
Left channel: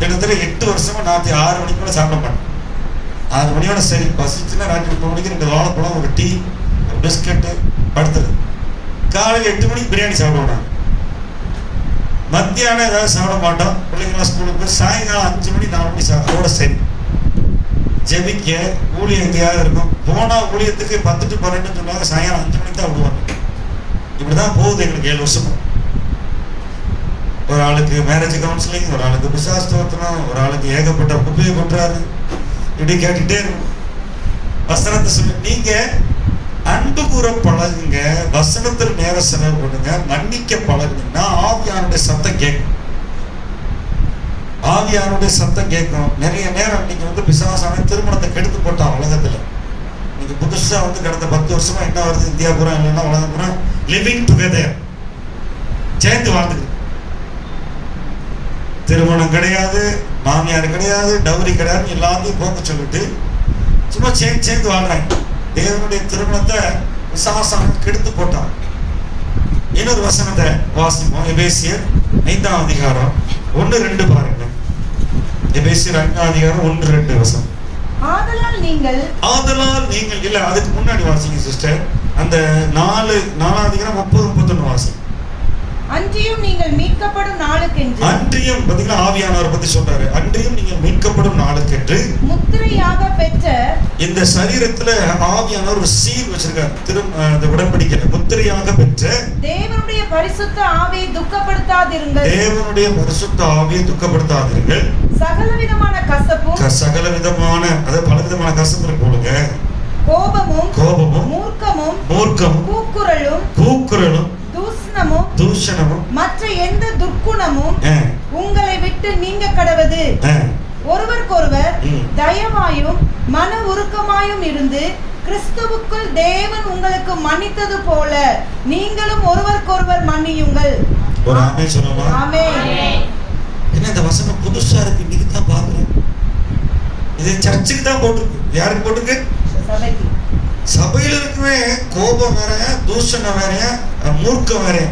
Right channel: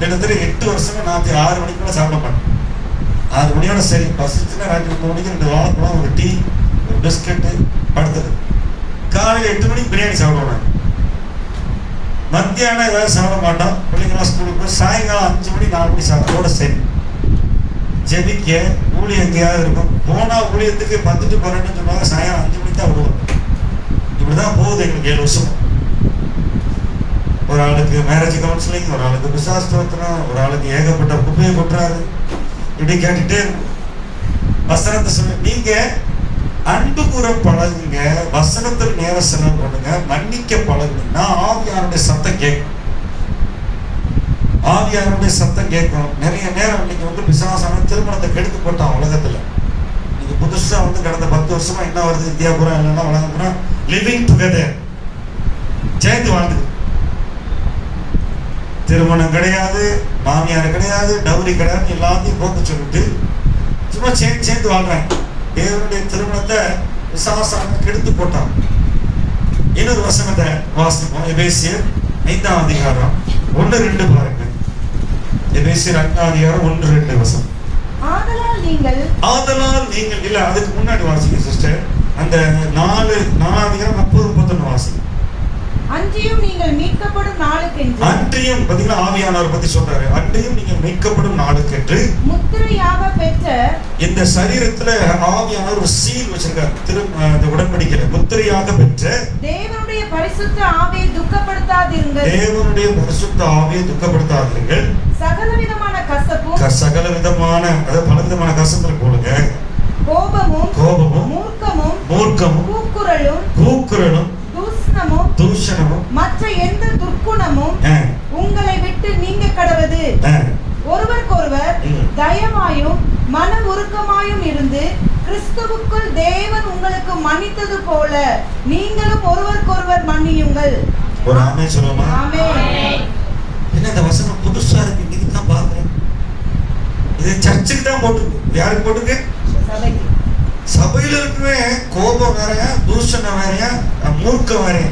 கிட்டத்தட்ட 8 வருஷமா ராத்திரி 6 மணிக்குள்ள சாப்பிட மாட்டேன். 6 மணியோட சரி, பசிச்சுன்னா ராத்திரி 3 மணிக்கு 2 வாழைப்பழம், ஒரு டீ, ஒரு பிஸ்கட்டு, படுத்தது. காலையில் 8 மணிக்கு பிரியாணி சாப்பிடுவோம். மத்தியானம் ஏதாவது சாப்பிட மாட்டோம். பிள்ளைங்களாம் ஸ்கூலுக்கு போய் சாயங்காலம் 5 மணி 4 மணி சாப்பிடோட சரி. ஜெபிக்க ஊழியம் எங்கேயாவது இருக்கும். போனா ஊழியத்துக்கு 10 to 12 சொன்னாங்க, சாயங்காலம் 5 மணிக்கு தான் விடுவாங்க. இப்படிதான் போகுது எங்களுக்கு 7 வருஷமா. ஒரு ஆளுக்கு மேரேஜ் கவுன்சிலிங், ஒரு ஆளுக்கு பிசாஸ்தோத்திரம், ஒரு ஆளுக்கு ஏகப்பட்ட குப்பையை கொட்டுறாரு. இப்படி கேட்டுட்டே இருக்கும். வசனத்தை சொல்லி நீங்க அன்பு கூற பழகுங்க, வசனத்தில் நேர செலவு பண்ணுங்க, மன்னிக்க பழகுங்கன்னா ஆவியானுடைய சத்தம் கேட்கும். ஆவியானுடைய சத்தம் கேட்கும். நிறைய நேரம் இன்னைக்கு பிசாசான திருமணத்தை கெடுத்து போட்டான் உலகத்துல. இன்னைக்கு புதுசா கடந்த 10 வருஷமா என்ன வருது, இந்தியா பூரா இல்லைன்னா உலகம் பூரா லிவிங் டுகெதர், சேர்ந்து வாழ்ந்துது. திருமணம் கிடையாது, மாமியார் கிடையாது, டவுரி கிடையாது, எல்லாத்தையும் போக்க சொல்லிட்டு சும்மா சேர்ந்து வாழ்றாங்க. தேவனுடைய திருமணத்தை விசுவாசம் கெடுத்து போட்டான். இன்னொரு வசனத்தை வாசிப்போம். எபேசியர் 5ஆம் அதிகாரம் 1-2 பாருங்க. எபேசியர் 5ஆம் அதிகாரம் 1-2 வசனம். ஆதலால் நீங்கள் இல்ல, அதுக்கு முன்னாடி வாசிங்க சிஸ்டர். அந்த 4ஆம் அதிகாரம் 30-31 வாசிங்க. அன்றியும் நீங்கள் மீட்கப்படும் நாளுக்கென்று, அன்றியும் பாத்தீங்கன்னா ஆவியானவர் பத்தி சொல்றாரு. அன்றியும் நீங்கள் மீட்கப்படும் நாளுக்கென்று முத்திரையாக பெற்ற, இந்த சரீரத்துல ஆவியானவர் ஒரு சீல் வச்சிருக்காரு. உடன்படிக்கை முத்திரையாக பெற்ற தேவனுடைய பரிசுத்த ஆவியை துக்கப்படுத்தாதிருங்கள். தேவனுடைய பரிசுத்த ஆவியை துக்கப்படுத்தாதிருங்கள். சகலவிதமான கசப்பும், சகலவிதமான அதாவது பலவிதமான கசப்புல போடுங்க. கோபமும், மூர்க்கமும், கூக்குரலும், தூஷணமும், மற்ற எந்த துர்க்குணமும் உங்களை விட்டு நீங்க கடவது. ஒருவருக்கொருவர் தயவாயும் மன உருக்கமாயும் இருந்து கிறிஸ்துவுக்குள் தேவன் உங்களுக்கு மன்னித்தது போல நீங்களும் ஒருவருக்கொருவர் மன்னியுங்கள். ஒரு ஆமென் சொல்லுமா? ஆமென். என்ன இந்த வசனம் புதுசா இருக்கு, இன்னைக்கு தான் பாக்குறேன். இது சர்ச்சுக்கு தான் போட்டுருக்கு. யாருக்கு போட்டுருக்கு? சபைக்கு. சபையில இருக்குமே கோபம் வேறையா, தூஷணம் வேறையா, மூர்க்கம் வேறையா.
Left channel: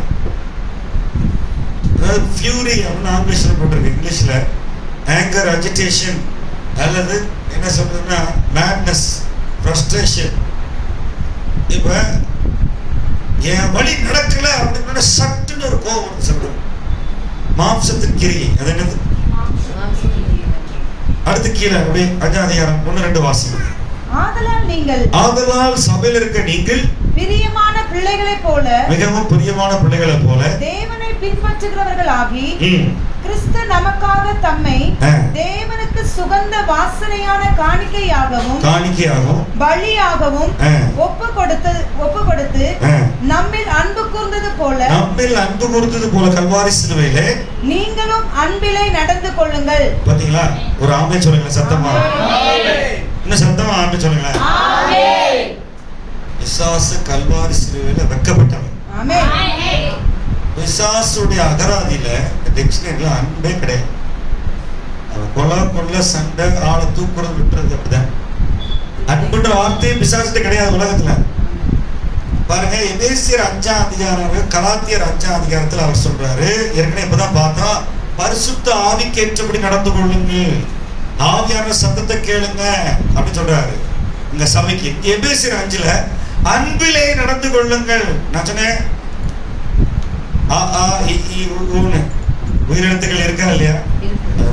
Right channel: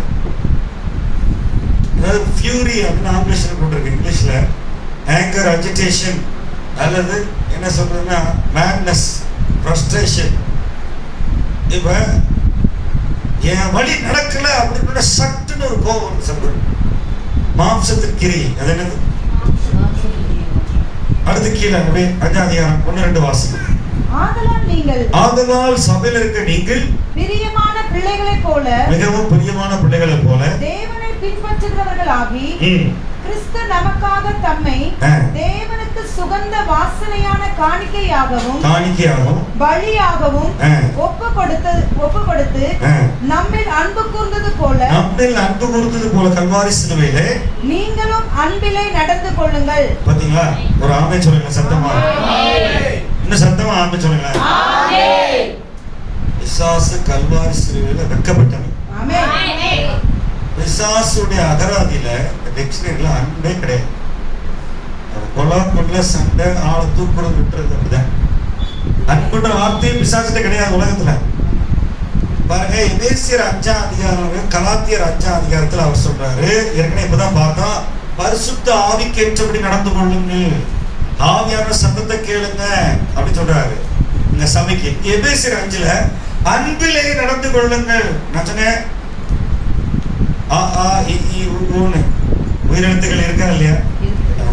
ஃபியூரி அப்படின்னு ஆங்கிலீஷ்ல போட்டிருக்கு. இங்கிலீஷ்ல ஆங்கர், அஜிடேஷன், அல்லது என்ன சொல்றதுன்னா மேட்னஸ், ஃப்ரஸ்ட்ரேஷன். இப்ப என் வழி நடக்கல அப்படின்னு சட்டுன்னு ஒரு கோபம் சொல்றது. மாம்சத்தின் கிரியை, அது என்னது? அடுத்து கீழே அப்படியே 5ஆம் அதிகாரம் 1-2 வாசிங்க. ஆதலால் சபையில் இருக்க நீங்கள் பிரியமான பிள்ளைகளைப் போல, மிகவும் பிரியமான பிள்ளைகளைப் போல தேவனை பின்பற்றுகிறவர்களாகி, கிறிஸ்து நமக்காக தம்மை தேவனுக்கு சுகந்த வாசனையான காணிக்கையாகவும் பலியாகவும் ஒப்பு கொடுத்து நம்மில் அன்பு கூர்ந்தது போல கல்வாரி சிலுவையிலே நீங்களும் அன்பிலே நடந்து கொள்ளுங்கள். பாத்தீங்களா? ஒரு ஆமென் சொல்லுங்க சத்தமா. இன்னும் சத்தமா ஆமென் சொல்லுங்க. ஆமென். பிசாசு கல்வாரி சிலுவையில வெட்கப்பட்டவன். ஆமென். பிசாசுடைய அகராதியில டிக்ஷனரியில அன்பே கிடையாது. அவன் கொலை, சண்டை, ஆளை தூக்குறது, விட்டுறது அப்படிதான். அன்புன்ற வார்த்தையே பிசாசுகிட்ட கிடையாது உலகத்துல. பாருங்க, எபேசியர் 5ஆம் அதிகாரம், கலாத்தியர் 5ஆம் அதிகாரத்துல அவர் சொல்றாரு, ஏற்கனவே இப்பதான் பார்த்தோம், பரிசுத்த ஆவிக்கேற்றபடி நடந்து கொள்ளுங்கள், ஆவியான சத்தத்தை கேளுங்க அப்படின்னு சொல்றாரு இந்த சபைக்கு. எபேசியர் 5ல அன்பிலே நடந்து கொள்ளுங்கள். நான் சொன்னேன் உயிரிழத்துகள் இருக்கா இல்லையா?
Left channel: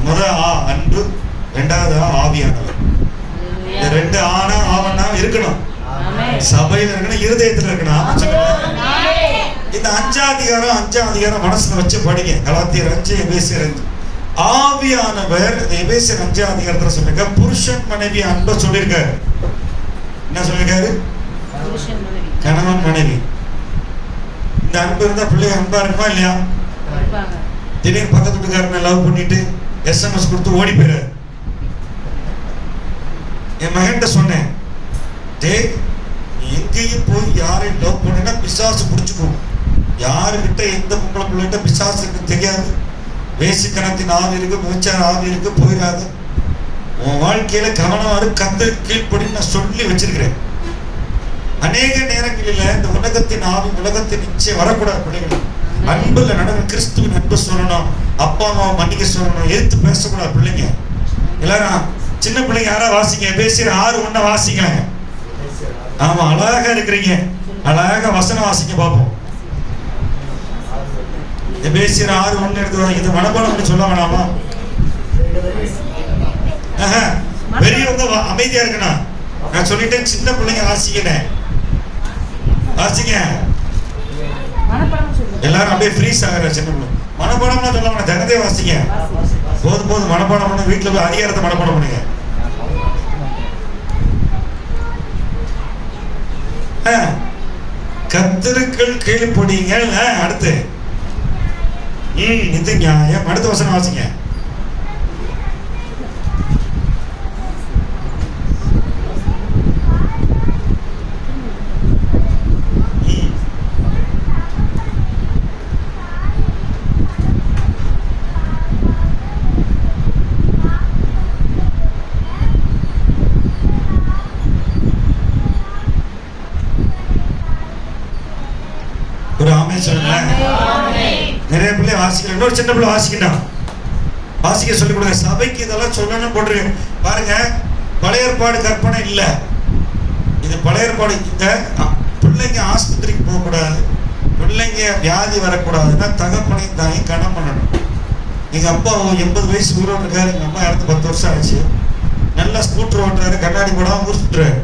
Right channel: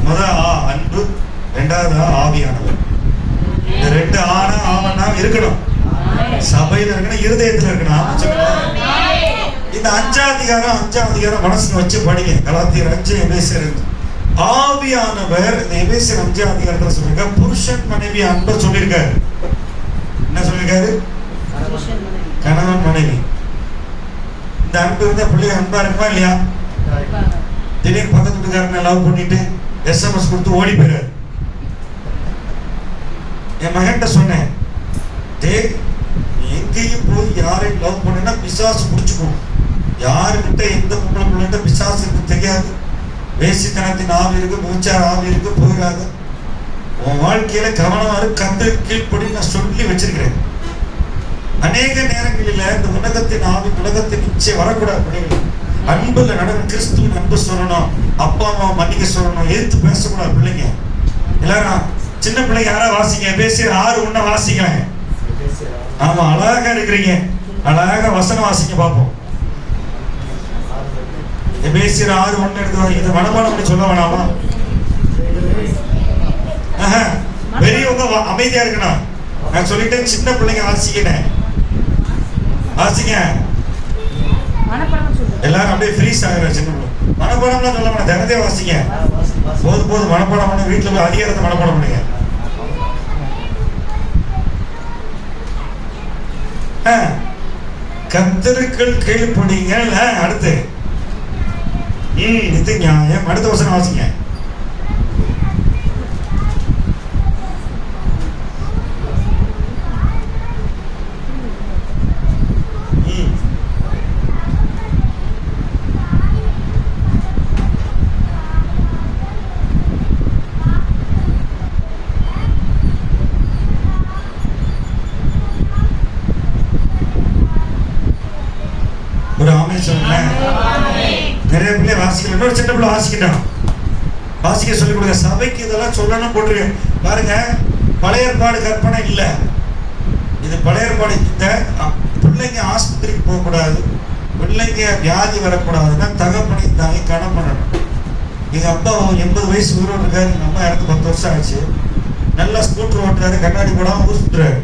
முதல் அன்பு, இரண்டாவது ஆவியானவர். இந்த ரெண்டு ஆவணா இருக்கணும், சபையில இருக்கணும், இருதயத்துல இருக்கணும். இந்த 5ஆம் அதிகாரம் மனசுல வச்சு படிங்க. கலாத்தியர் 5, எபேசியர் 5. ஆவியானவர் இந்த எபேசியர் 5ஆம் அதிகாரத்துல சொல்லிருக்க புருஷன் மனைவி அன்பை சொல்லியிருக்காரு. என்ன சொல்லிருக்காரு? கணவன் மனைவி. இந்த அன்பு இருந்தா பிள்ளைங்க அன்பா இருக்கா இல்லையா? திடீர்னு பக்கத்து வீட்டுக்காரனை லவ் பண்ணிட்டு SMS கொடுத்து ஓடி போயிறாரு. என் மகன்கிட்ட சொன்னேன், டேய் எங்கேயும் போய் யாரையும் லவ் பண்ணா பிசாசு பிடிச்சுக்கும். யாருக்கிட்ட எந்த பொம்பளை பிள்ளைகிட்ட பிசாசுக்கு தெரியாது. வேசித்தனத்தின் ஆவி இருக்கு, மூச்சார ஆவி இருக்கு, போயிடாது. உன் வாழ்க்கையில கவனமாக கத்து கீழ்ப்படி நான் சொல்லி வச்சிருக்கிறேன். அநேக நேரங்களில் இந்த உலகத்தின் ஆவி, உலகத்தின் இச்சை வரக்கூடாது. பிள்ளைகள் அன்புல நடந்து கிறிஸ்துவின் அன்பு சொல்லணும், அப்பா அம்மா மன்னிக்க சொல்லணும், எதிர்த்து பேசக்கூடாது. பிள்ளைங்க எல்லாரும் சின்ன பிள்ளைங்க யாரா வாசிங்க, எபேசியர் 6:1 வாசிங்க. ஆமா, அழகா இருக்கிறீங்க, அழகா வசனம் வாசிக்க பார்ப்போம். எபேசியர் 6:1 எடுத்து இதை மனப்பாடம் பண்ணி சொல்ல வேணாமா? பெரியவங்க அமைதியா இருக்கணும். நான் சொல்லிட்டேன், சின்ன பிள்ளைங்க வாசிக்கிறேன், வாசிங்க. எல்லாரும் அப்படியே ஃப்ரீஸ் ஆகிற சின்ன பிள்ளை. மனப்பாடம்லாம் சொல்ல வேணாம், தினதே வாசிங்க. போதும் மனப்பாடம் பண்ண, வீட்டுல போய் அதிகாரத்தை மனப்பாடம் பண்ணுங்க. கர்த்தருக்குள் கீழ்ப்படிங்க. அடுத்து இது நியாயம். அடுத்த வசனம் வாசிங்க. நிறைய பிள்ளை வாசிக்கல, இன்னொரு சின்ன பிள்ளை வாசிக்கிட்டான், வாசிக்க சொல்லி கொடுங்க. சபைக்கு இதெல்லாம் சொல்லணும் போட்டுருக்கேன். பாருங்க, பழைய ஏற்பாடு கற்பனை இல்லை, இது பழைய ஏற்பாடு. இந்த பிள்ளைங்க ஆஸ்பத்திரிக்கு போகக்கூடாது, பிள்ளைங்க வியாதி வரக்கூடாதுன்னா தகப்பனை தாங்கி கடன் பண்ணணும். எங்க அப்பா 80 வயசு உயிரோடு இருக்காரு, எங்க அம்மா இறந்து 10 வருஷம் ஆச்சு. நல்லா ஸ்கூட்டர் ஓட்டுறாரு, கண்ணாடி போடாம ஊர் சுத்துறாரு.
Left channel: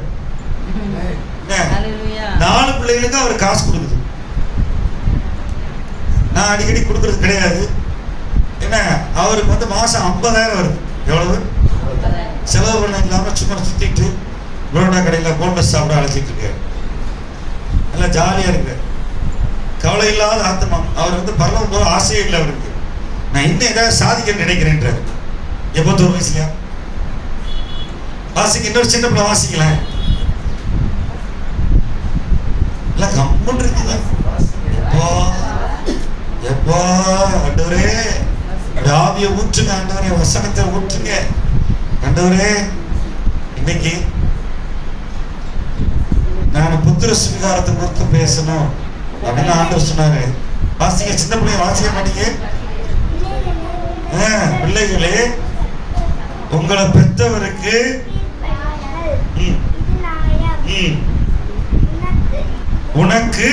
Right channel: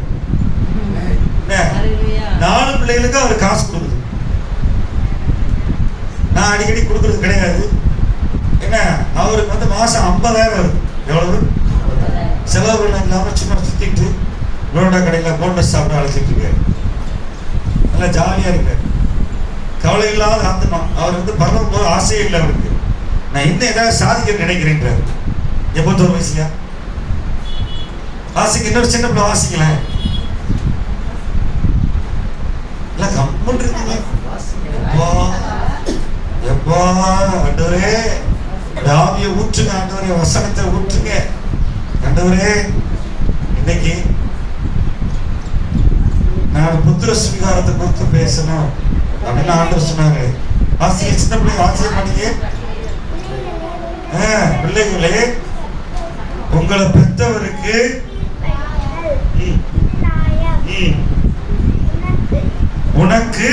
4 பிள்ளைகளுக்கு அவர் காசு கொடுக்குது. நான் அடிக்கடி கொடுக்கறது கிடையாது. என்ன, அவருக்கு மாசம் 50,000 வருது. எவ்வளவு செலவு இல்லாம சும்மா சுத்திட்டு புரோட்டா கடையில போண்டஸ் சாப்பிட அழைச்சிட்டு இருக்காரு. நல்லா ஜாலியா இருக்காரு, கவலை இல்லாத ஆத்மா. அவர் பரலோகம் போக ஆசையே இல்லை அவருக்கு. நான் இன்னும் ஏதாவது சாதிக்க நினைக்கிறேன்றாரு. 81 வயசுலயா வாசிக்க. இன்னொரு சின்ன பிள்ளை வாசிக்கல, இல்ல கம்முன்னு இருக்குங்க. எப்பா ஆண்டவரே, ஆவியை ஊற்றுங்க ஆண்டவரே, வசனத்தை ஊற்றுங்க ஆண்டவரே. இன்னைக்கு நான் புத்திர சுவீகாரத்தை குறித்து பேசணும் அப்படின்னு ஆண்டவர் சொன்னாரு. வாசிக்க, சின்ன பிள்ளை வாசிக்க மாட்டீங்க. பிள்ளைகளே, உங்களை பெற்றவருக்கு உனக்கு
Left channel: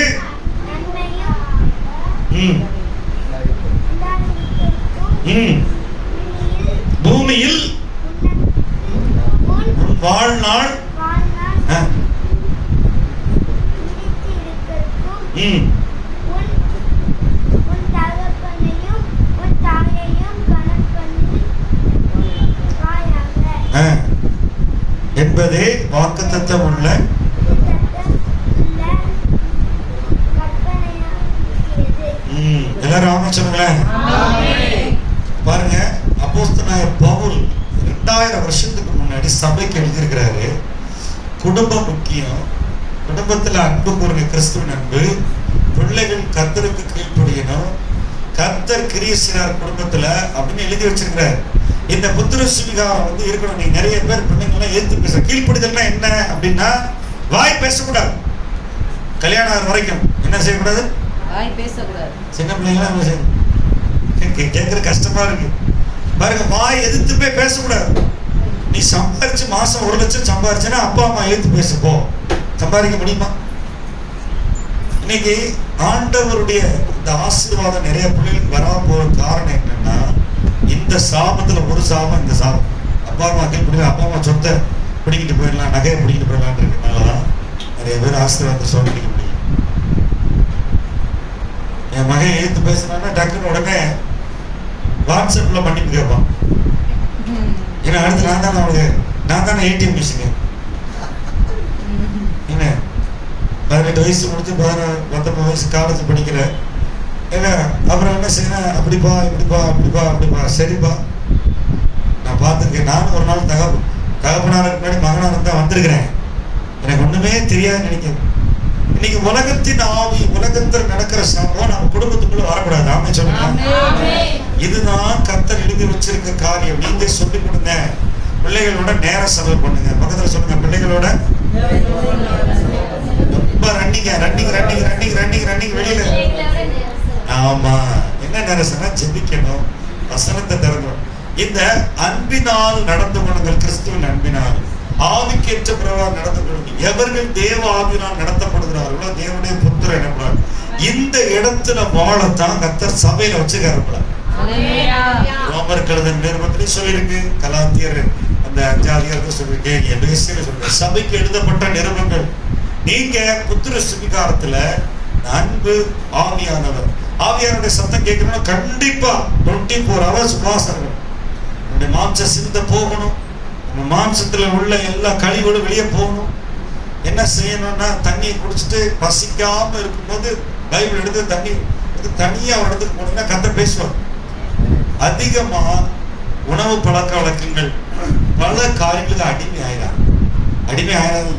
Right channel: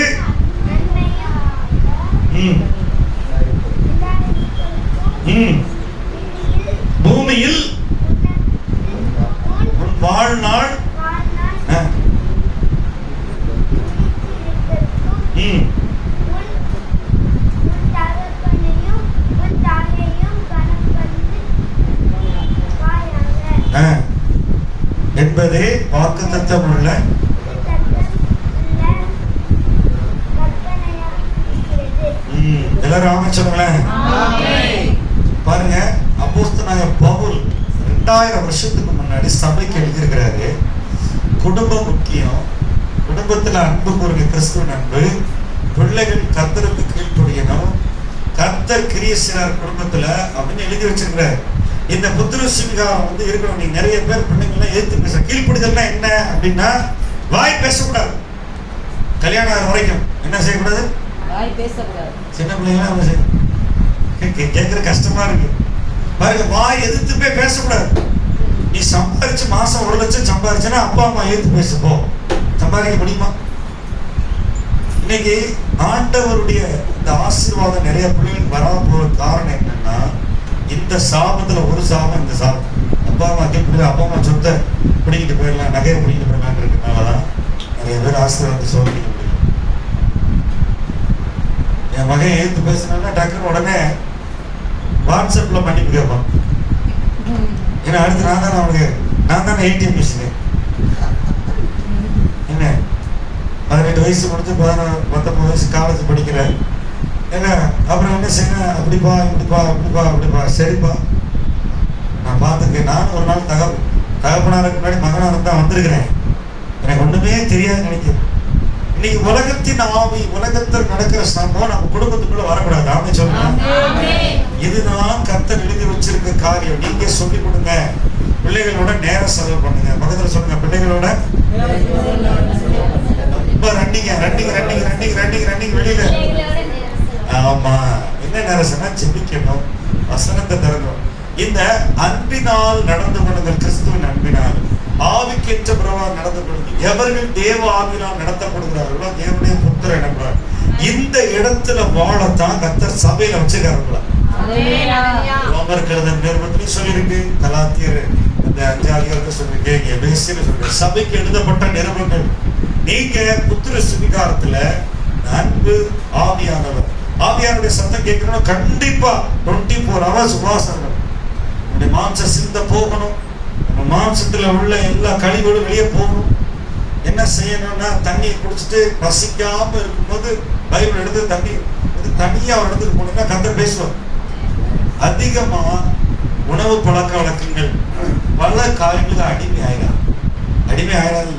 பூமியில் உன் வாழ்நாள் என்பதே வாக்குத்தத்தம் உள்ள எல்லாரும் ஆமென் சொல்லுங்களேன். பாருங்க, அப்போஸ்தலனாகிய பவுல் 2000 வருஷத்துக்கு முன்னாடி சபைக்கு எழுதியிருக்கிறாரு. குடும்பம் முக்கியம், குடும்பத்துல அன்பு கூறுங்க, கிறிஸ்துவின் அன்பு. பிள்ளைகள் கர்த்தருக்கு கீழ்ப்படியணும், கர்த்தர் கிரியை செய்றார் குடும்பத்துல அப்படின்னு எழுதி வச்சிருக்கிறார். இந்த புத்திர சுவிகாரம் வந்து இருக்கணும். நீங்க நிறைய பேர் பிள்ளைங்கள்லாம் எதிர்த்து பேச. கீழ்ப்படுதல்னா என்ன அப்படின்னா வாய் பேசக்கூடாது. கல்யாணம் ஆகிற வரைக்கும் என்ன செய்யக்கூடாது? வாய் பேசக்கூடாது. சின்ன பிள்ளைங்களாம் நம்ம கேட்கற கஷ்டமா இருக்கு பாருங்க. வாய் எதிர்த்து போய் பேசக்கூடாது. நீ சம்பாதிச்சு மாசம் 1 லட்சம் சம்பாதிச்சுன்னா அப்பா அம்மா எதிர்த்து பேசப்போ சம்பாதிக்க முடியுமா? இன்னைக்கு ஆண்டவருடைய இந்த ஆசீர்வாதம் நிறைய பிள்ளைகளுக்கு வராம போற காரணம் என்னன்னா, இந்த சாபத்துல ஒரு சாபம் இந்த சாபம். அப்பா அம்மா கேட்க அப்பா அம்மா சொத்தை பிடிக்கிட்டு போயிடலாம், நகையை பிடிக்கிட்டு போயிடலான்னு இருக்கனாலதான் நிறைய பேர் ஆசீர்வாதத்தை சொல்லிக்க முடியும். என் மகன் எழுத்து பேசினா டக்குன்னு உடனே வாட்ஸ்அப்ல மன்னிப்பு கேட்பான். ஏன்னா அடுத்து நான் தானே ஏடிஎம் மிஷின். என்ன 18 வயசு முடிச்சு 19 வயசு காலேஜ் படிக்கிறேன். ஏங்க அப்புறம் என்ன செய்யணும்? அப்படிப்பா அப்படிப்பா சரிப்பா நான் பார்த்துருக்கேன். நானும் ஒரு நாள் தகப்பனாருக்கு முன்னாடி மகனாக தான் வந்திருக்கிறேன். எனக்கு ஒண்ணுமே தெரியாது நினைக்கிறேன். இன்னைக்கு உலகத்தின் ஆவி, உலகத்தில் நடக்கிற சம்பவம் நம்ம குடும்பத்துக்குள்ள வரக்கூடாது. ஆமே சொல்லுங்க. இதுதான் கர்த்தர் எழுதி வச்சிருக்க காரியம். நீங்க சொல்லிக் கொடுங்க. பிள்ளைகளோட நேரம் செலவு பண்ணுங்க. பக்கத்துல சொல்லுங்க, பிள்ளைகளோட ரொம்ப ரன்னிங் வெளியில. ஆமா, என்ன நேரம் சொன்னா ஜெபிக்கணும், வசனத்தை திறக்கணும். இந்த அன்பினால் நடந்து கொள்ளுங்கள். கிறிஸ்துவின் அன்பினால் ஆவிக்கேற்ற பிரகாரம் நடந்து கொள்ளுங்கள். எவர்கள் தேவ ஆவியினால் நடத்தப்படுகிறார்களோ தேவனுடைய புத்திரர் எனப்படுவார். இந்த இடத்துல வாழத்தான் கர்த்தர் சபையில வச்சுக்காரு. ரோமர் கழுதன் நிருபத்திலையும் சொல்லியிருக்கு, கலாத்தியர் அந்த 5 சொல்லியிருக்கேன், எபேசியர் சொல்லியிருக்கேன். சபைக்கு எழுதப்பட்ட நிருபங்கள். நீங்க புத்திர சுவிகாரத்துல அன்பு ஆவியானவர், ஆவியானுடைய சத்தம் கேட்கணும். கண்டிப்பா 24 hours உபாசங்கள். உங்களுடைய மாம்ச சிந்தை போகணும். உங்க மாம்சத்துல உள்ள எல்லா கழிவுகளும் வெளியே போகணும். என்ன செய்யணும்னா தண்ணியை குடிச்சிட்டு பசிக்காம இருக்கும்போது பைபிள் எடுத்து தனியா ஒரு இடத்துக்கு போனீங்கன்னா கர்த்தர் பேசுவார். அதிகமா உணவு பழக்க வழக்கங்கள் பல காரியங்களுக்கு அடிமை ஆயிடாது.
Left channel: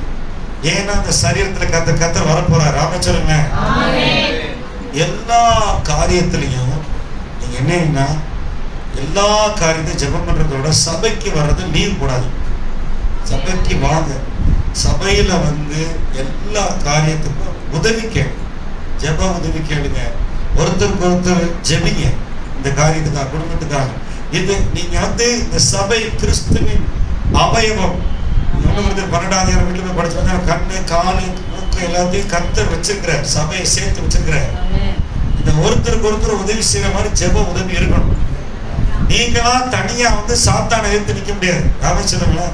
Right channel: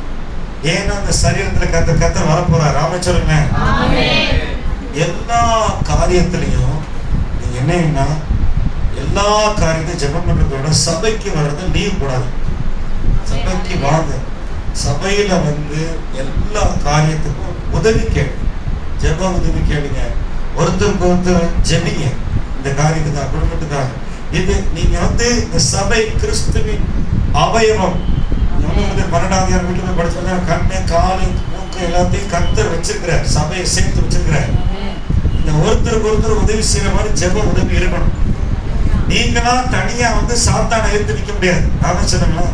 ஏன்னா அந்த சரீரத்துல கர்த்தர் வரப்போறார். ராம சொல்லுங்க. எல்லா காரியத்திலையும் நீங்க என்னன்னா எல்லா காரியத்தையும் ஜெபம் பண்றதோட சபைக்கு வர்றது லீவ் கூடாது. சபைக்கு வாங்க. சபையில வந்து எல்லா காரியத்துக்கும் உதவி கேளு, ஜெப உதவி கேளுங்க. ஒருத்தருக்கு ஒருத்தர் ஜெபிங்க. இந்த காரியத்துக்காக, குடும்பத்துக்காக. இது நீங்க வந்து இந்த சபை கிறிஸ்துவின் அவயவம். 12ஆம் வீட்டுல படிச்சா கண்ணு, காலு, மூக்கு எல்லாத்தையும் கர்த்தர் வச்சிருக்கிறார். சபையை சேர்த்து வச்சிருக்கிறார். இந்த ஒருத்தருக்கு ஒருத்தர் உதவி செய்யற மாதிரி ஜெப உதவி இருக்கணும். நீங்களாம் தனியா வந்து சாத்தானை எதிர்த்து நிக்க முடியாது. ராம சொல்லுங்களா?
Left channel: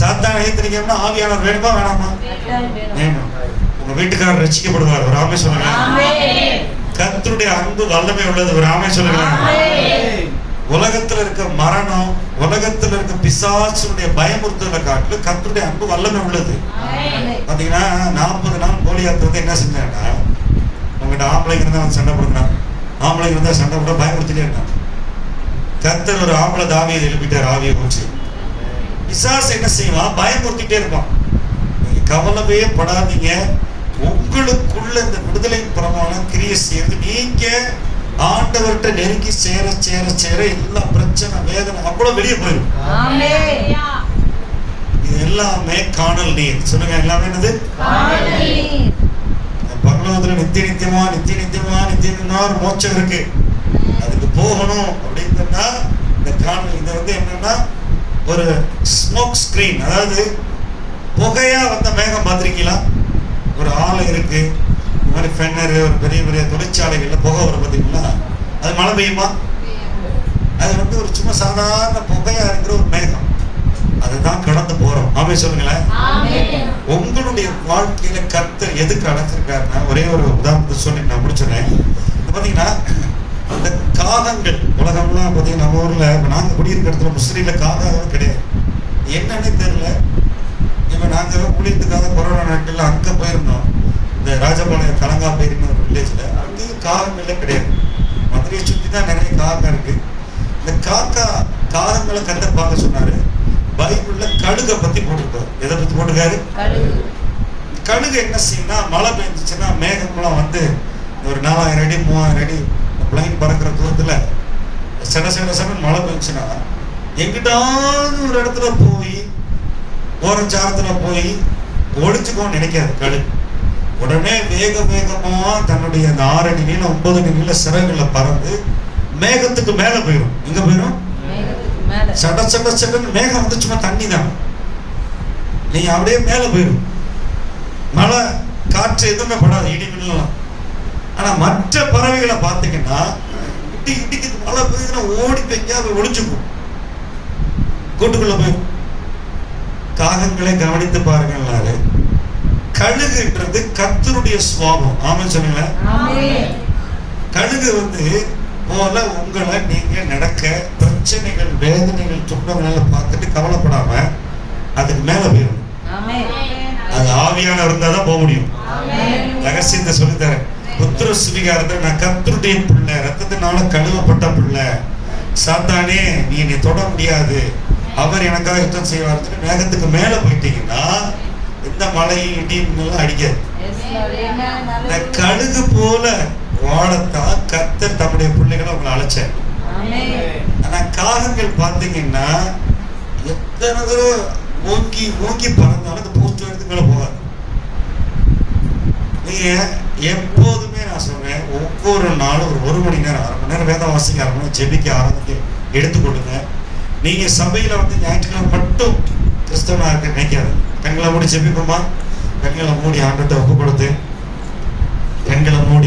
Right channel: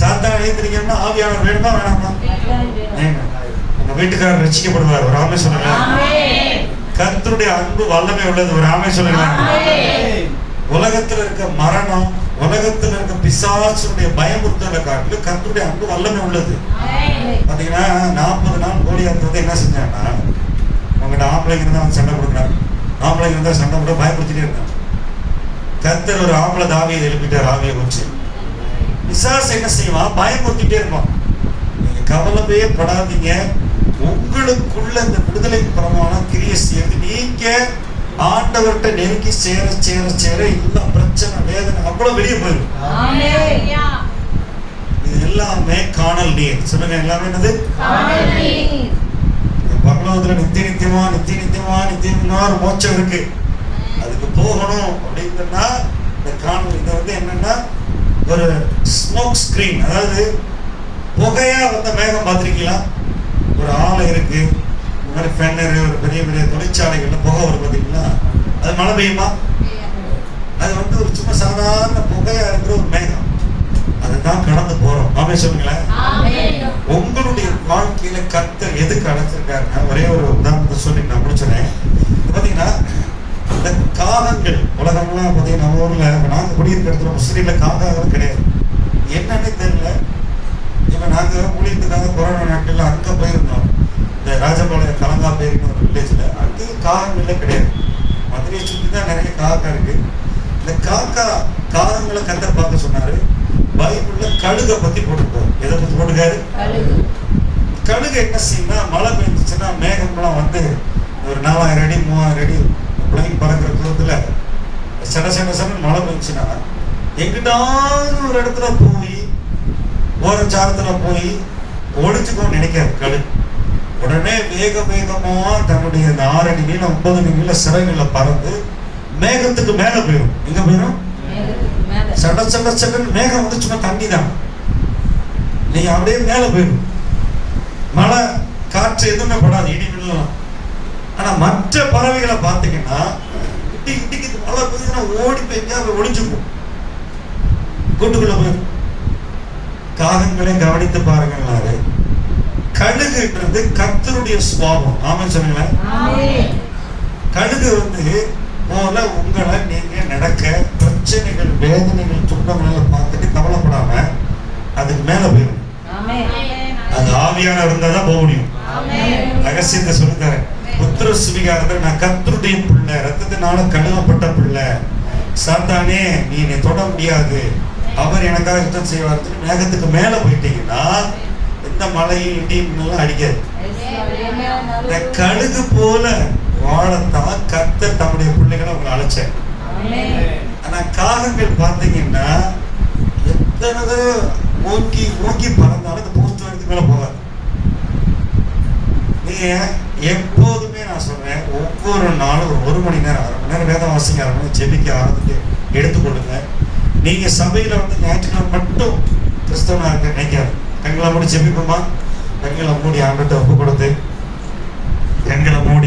சாத்தானை எதிர்த்து நிக்கணும்னா ஆவியானவர் வேணுமா வேணாமா? வேணும். உங்க வீட்டுக்காரர் ரட்சிக்கப்படுவார். ஒரு ஆமை சொல்லுங்க. கர்த்தருடைய அன்பு வல்லமை உள்ளது. ஒரு ஆமை சொல்லுங்க. உலகத்துல இருக்க மரணம், உலகத்துல இருக்க பிசாசுடைய பயமுறுத்தலை காட்டிலும் கர்த்தருடைய அன்பு வல்லமை உள்ளது. பாத்தீங்கன்னா 40 நாள் கோலியாத்து என்ன செஞ்சாங்கன்னா, உங்ககிட்ட ஆம்பளைங்க இருந்தா சண்டை போடுறான், ஆம்பளைங்க இருந்தா சண்டை போட பயமுறுத்திட்டே இருந்தான். கர்த்தர் ஒரு ஆம்பளை தாவியை எழுப்பிட்டார். ஆவியை வச்சு பிசாசு என்ன செய்வான்? பயமுறுத்திட்டே இருப்பான். நீங்க கவலையே படாதீங்க. உங்களுக்குள்ள இந்த விடுதலை பிரமாணம் கிரியை செய்யறது. நீங்க ஆண்டவர்கிட்ட நெருங்கி சேர எல்லா பிரச்சனை, வேதனை அவ்வளவு வெளியே போயிடும். இது எல்லாமே காணல் நீர். சொல்லுங்க, எல்லாமே என்னது? பரலோகத்துல நித்தியமா ஒரு மோட்சம் இருக்கு. அதுக்கு போகணும் அப்படின்னா இந்த காணல் இது வந்து என்னன்னா ஒரு ஸ்மோக் ஸ்கிரீன். அதாவது புகையா வந்த மேகம் பார்த்திருக்கீங்களா? ஒரு ஆலை இருக்கு, இந்த மாதிரி ஃபென்னரு, ஒரு பெரிய தொழிற்சாலைகள்ல புகை வரும் பார்த்தீங்களா? அது மழை பெய்யுமா? அது வந்து ஒரு சும்மா சாதாரண புகையா இருக்கிற ஒரு மேகம். அதுதான் கடந்து போறோம். ஆமே சொல்லுங்களேன். உங்களுடைய வாழ்க்கையில கர்த்தர் எதுக்கு அழைச்சிருக்காருன்னா, ஒரே ஒரு உதாரணத்தை சொல்லி நான் முடிச்சுறேன். பாத்தீங்கன்னா இந்த காகங்கள், உலகம்லாம் பாத்தீங்கன்னா நம்ம ஊர்ல நாங்க குடியிருக்கிற இடத்துல முஸ்லீம்ல காகம் கிடையாது. என்னன்னே தெரியல. இப்ப நாங்க ஊழியத்துக்காக கொரோனா நாட்கள்ல அங்க போயிருந்தோம். இந்த ராஜபாளையம் கலங்காப்பேரின்னு ஒரு வில்லேஜ்ல. அங்கேயும் காகங்களே கிடையாது. மதுரையை சுற்றி தான் நிறைய காகம் இருக்கு. இந்த காகங்களை கர்த்தர் பார்க்க சொன்னாரு. பைபிள்ல கழுகை பத்தி போட்டிருக்காரு. எதை பத்தி போட்டிருக்காரு? கழுகு என்ன செய்யும்னா, மழை பெஞ்சிச்சுன்னா மேகம்லாம் வந்து ஒரு 4000 அடி 3000 அடி பிளைன் பறக்கிற தூரத்துல சட சட சடன்னு மழை பெஞ்சுன்னா எங்கிட்டாவது ஒரு இடத்துல போய் ஓரஞ்சாரத்துல போய் ஒளிச்சுக்கோன்னு நினைக்காது கழுகு. உடனே வேக வேகமா தன்னுடைய அந்த 6 அடி நீளம் 9 அடி நீள சிறகுல பறந்து மேகத்துக்கு மேல போயிடும். எங்க போயிடும்? சட சட சடன்னு மேகம் வந்து சும்மா தண்ணி தான், நீங்க அப்படியே மேல போயிடும். மழை காற்று எதுவுமே படாது, இடி மின்னலாம். ஆனா மற்ற பறவைகளை பார்த்தீங்கன்னா இடிக்கு மழை பெய்யுதுன்னா ஓடி போய் ஒளிஞ்சுக்கும், கூட்டுக்குள்ள போய். காகங்களை கவனித்து பாருங்கன்னாரு. கழுகுன்றது கர்த்தருடைய சுபாவம். ஆமா சொல்லுங்க. கழுகு வந்து போல உங்களை நீங்க நடக்க பிரச்சனைகள் வேதனைகள் துன்பங்கள் பார்த்துட்டு கவலைப்படாம அதுக்கு மேல போயிடும். அது ஆவியானவர் இருந்தா தான் போக முடியும். ரகசியத்தை சொல்லித்தரேன். புத்திர சுவிகாரத்தை நான் கர்த்தருடைய பிள்ளை, ரத்தத்தினால கழுவப்பட்ட பிள்ளை, சாத்தானே நீ என்னை தொட முடியாது, அவர் எனக்காக யுத்தம் செய்வார். மேகத்துக்கு மேல போயிட்டீங்கன்னா எந்த மழையும் இடியும் அடிக்காது. இந்த கழுகு போல வாழத்தான் கர்த்தர் தம்முடைய பிள்ளைகளை உங்களை அழைச்சார். ஆனா காகங்கள் பார்த்தீங்கன்னா எத்தனை தடவை மூக்கி மூக்கி பறந்தாலும் இந்த போஸ்ட் வரதுக்கு மேல போகாது. நீங்க எப்போதுமே நான் சொல்றேன், ஒவ்வொரு நாளும் ஒரு மணி நேரம் 1/2 மணி நேரம் வேதம் வாசிக்க ஆரம்பிச்சு ஜெபிக்க ஆரம்பித்து எடுத்துக்கொள்ளுங்க. நீங்க சபையில வந்து ஞாயிற்றுக்கிழமை மட்டும் கிறிஸ்தவனா இருக்க நினைக்காது. கண்களை மூடி ஜெபிப்போமா? கண்களை மூடி ஆண்டவர்கிட்ட ஒப்பு கொடுத்து கண்களை மூடி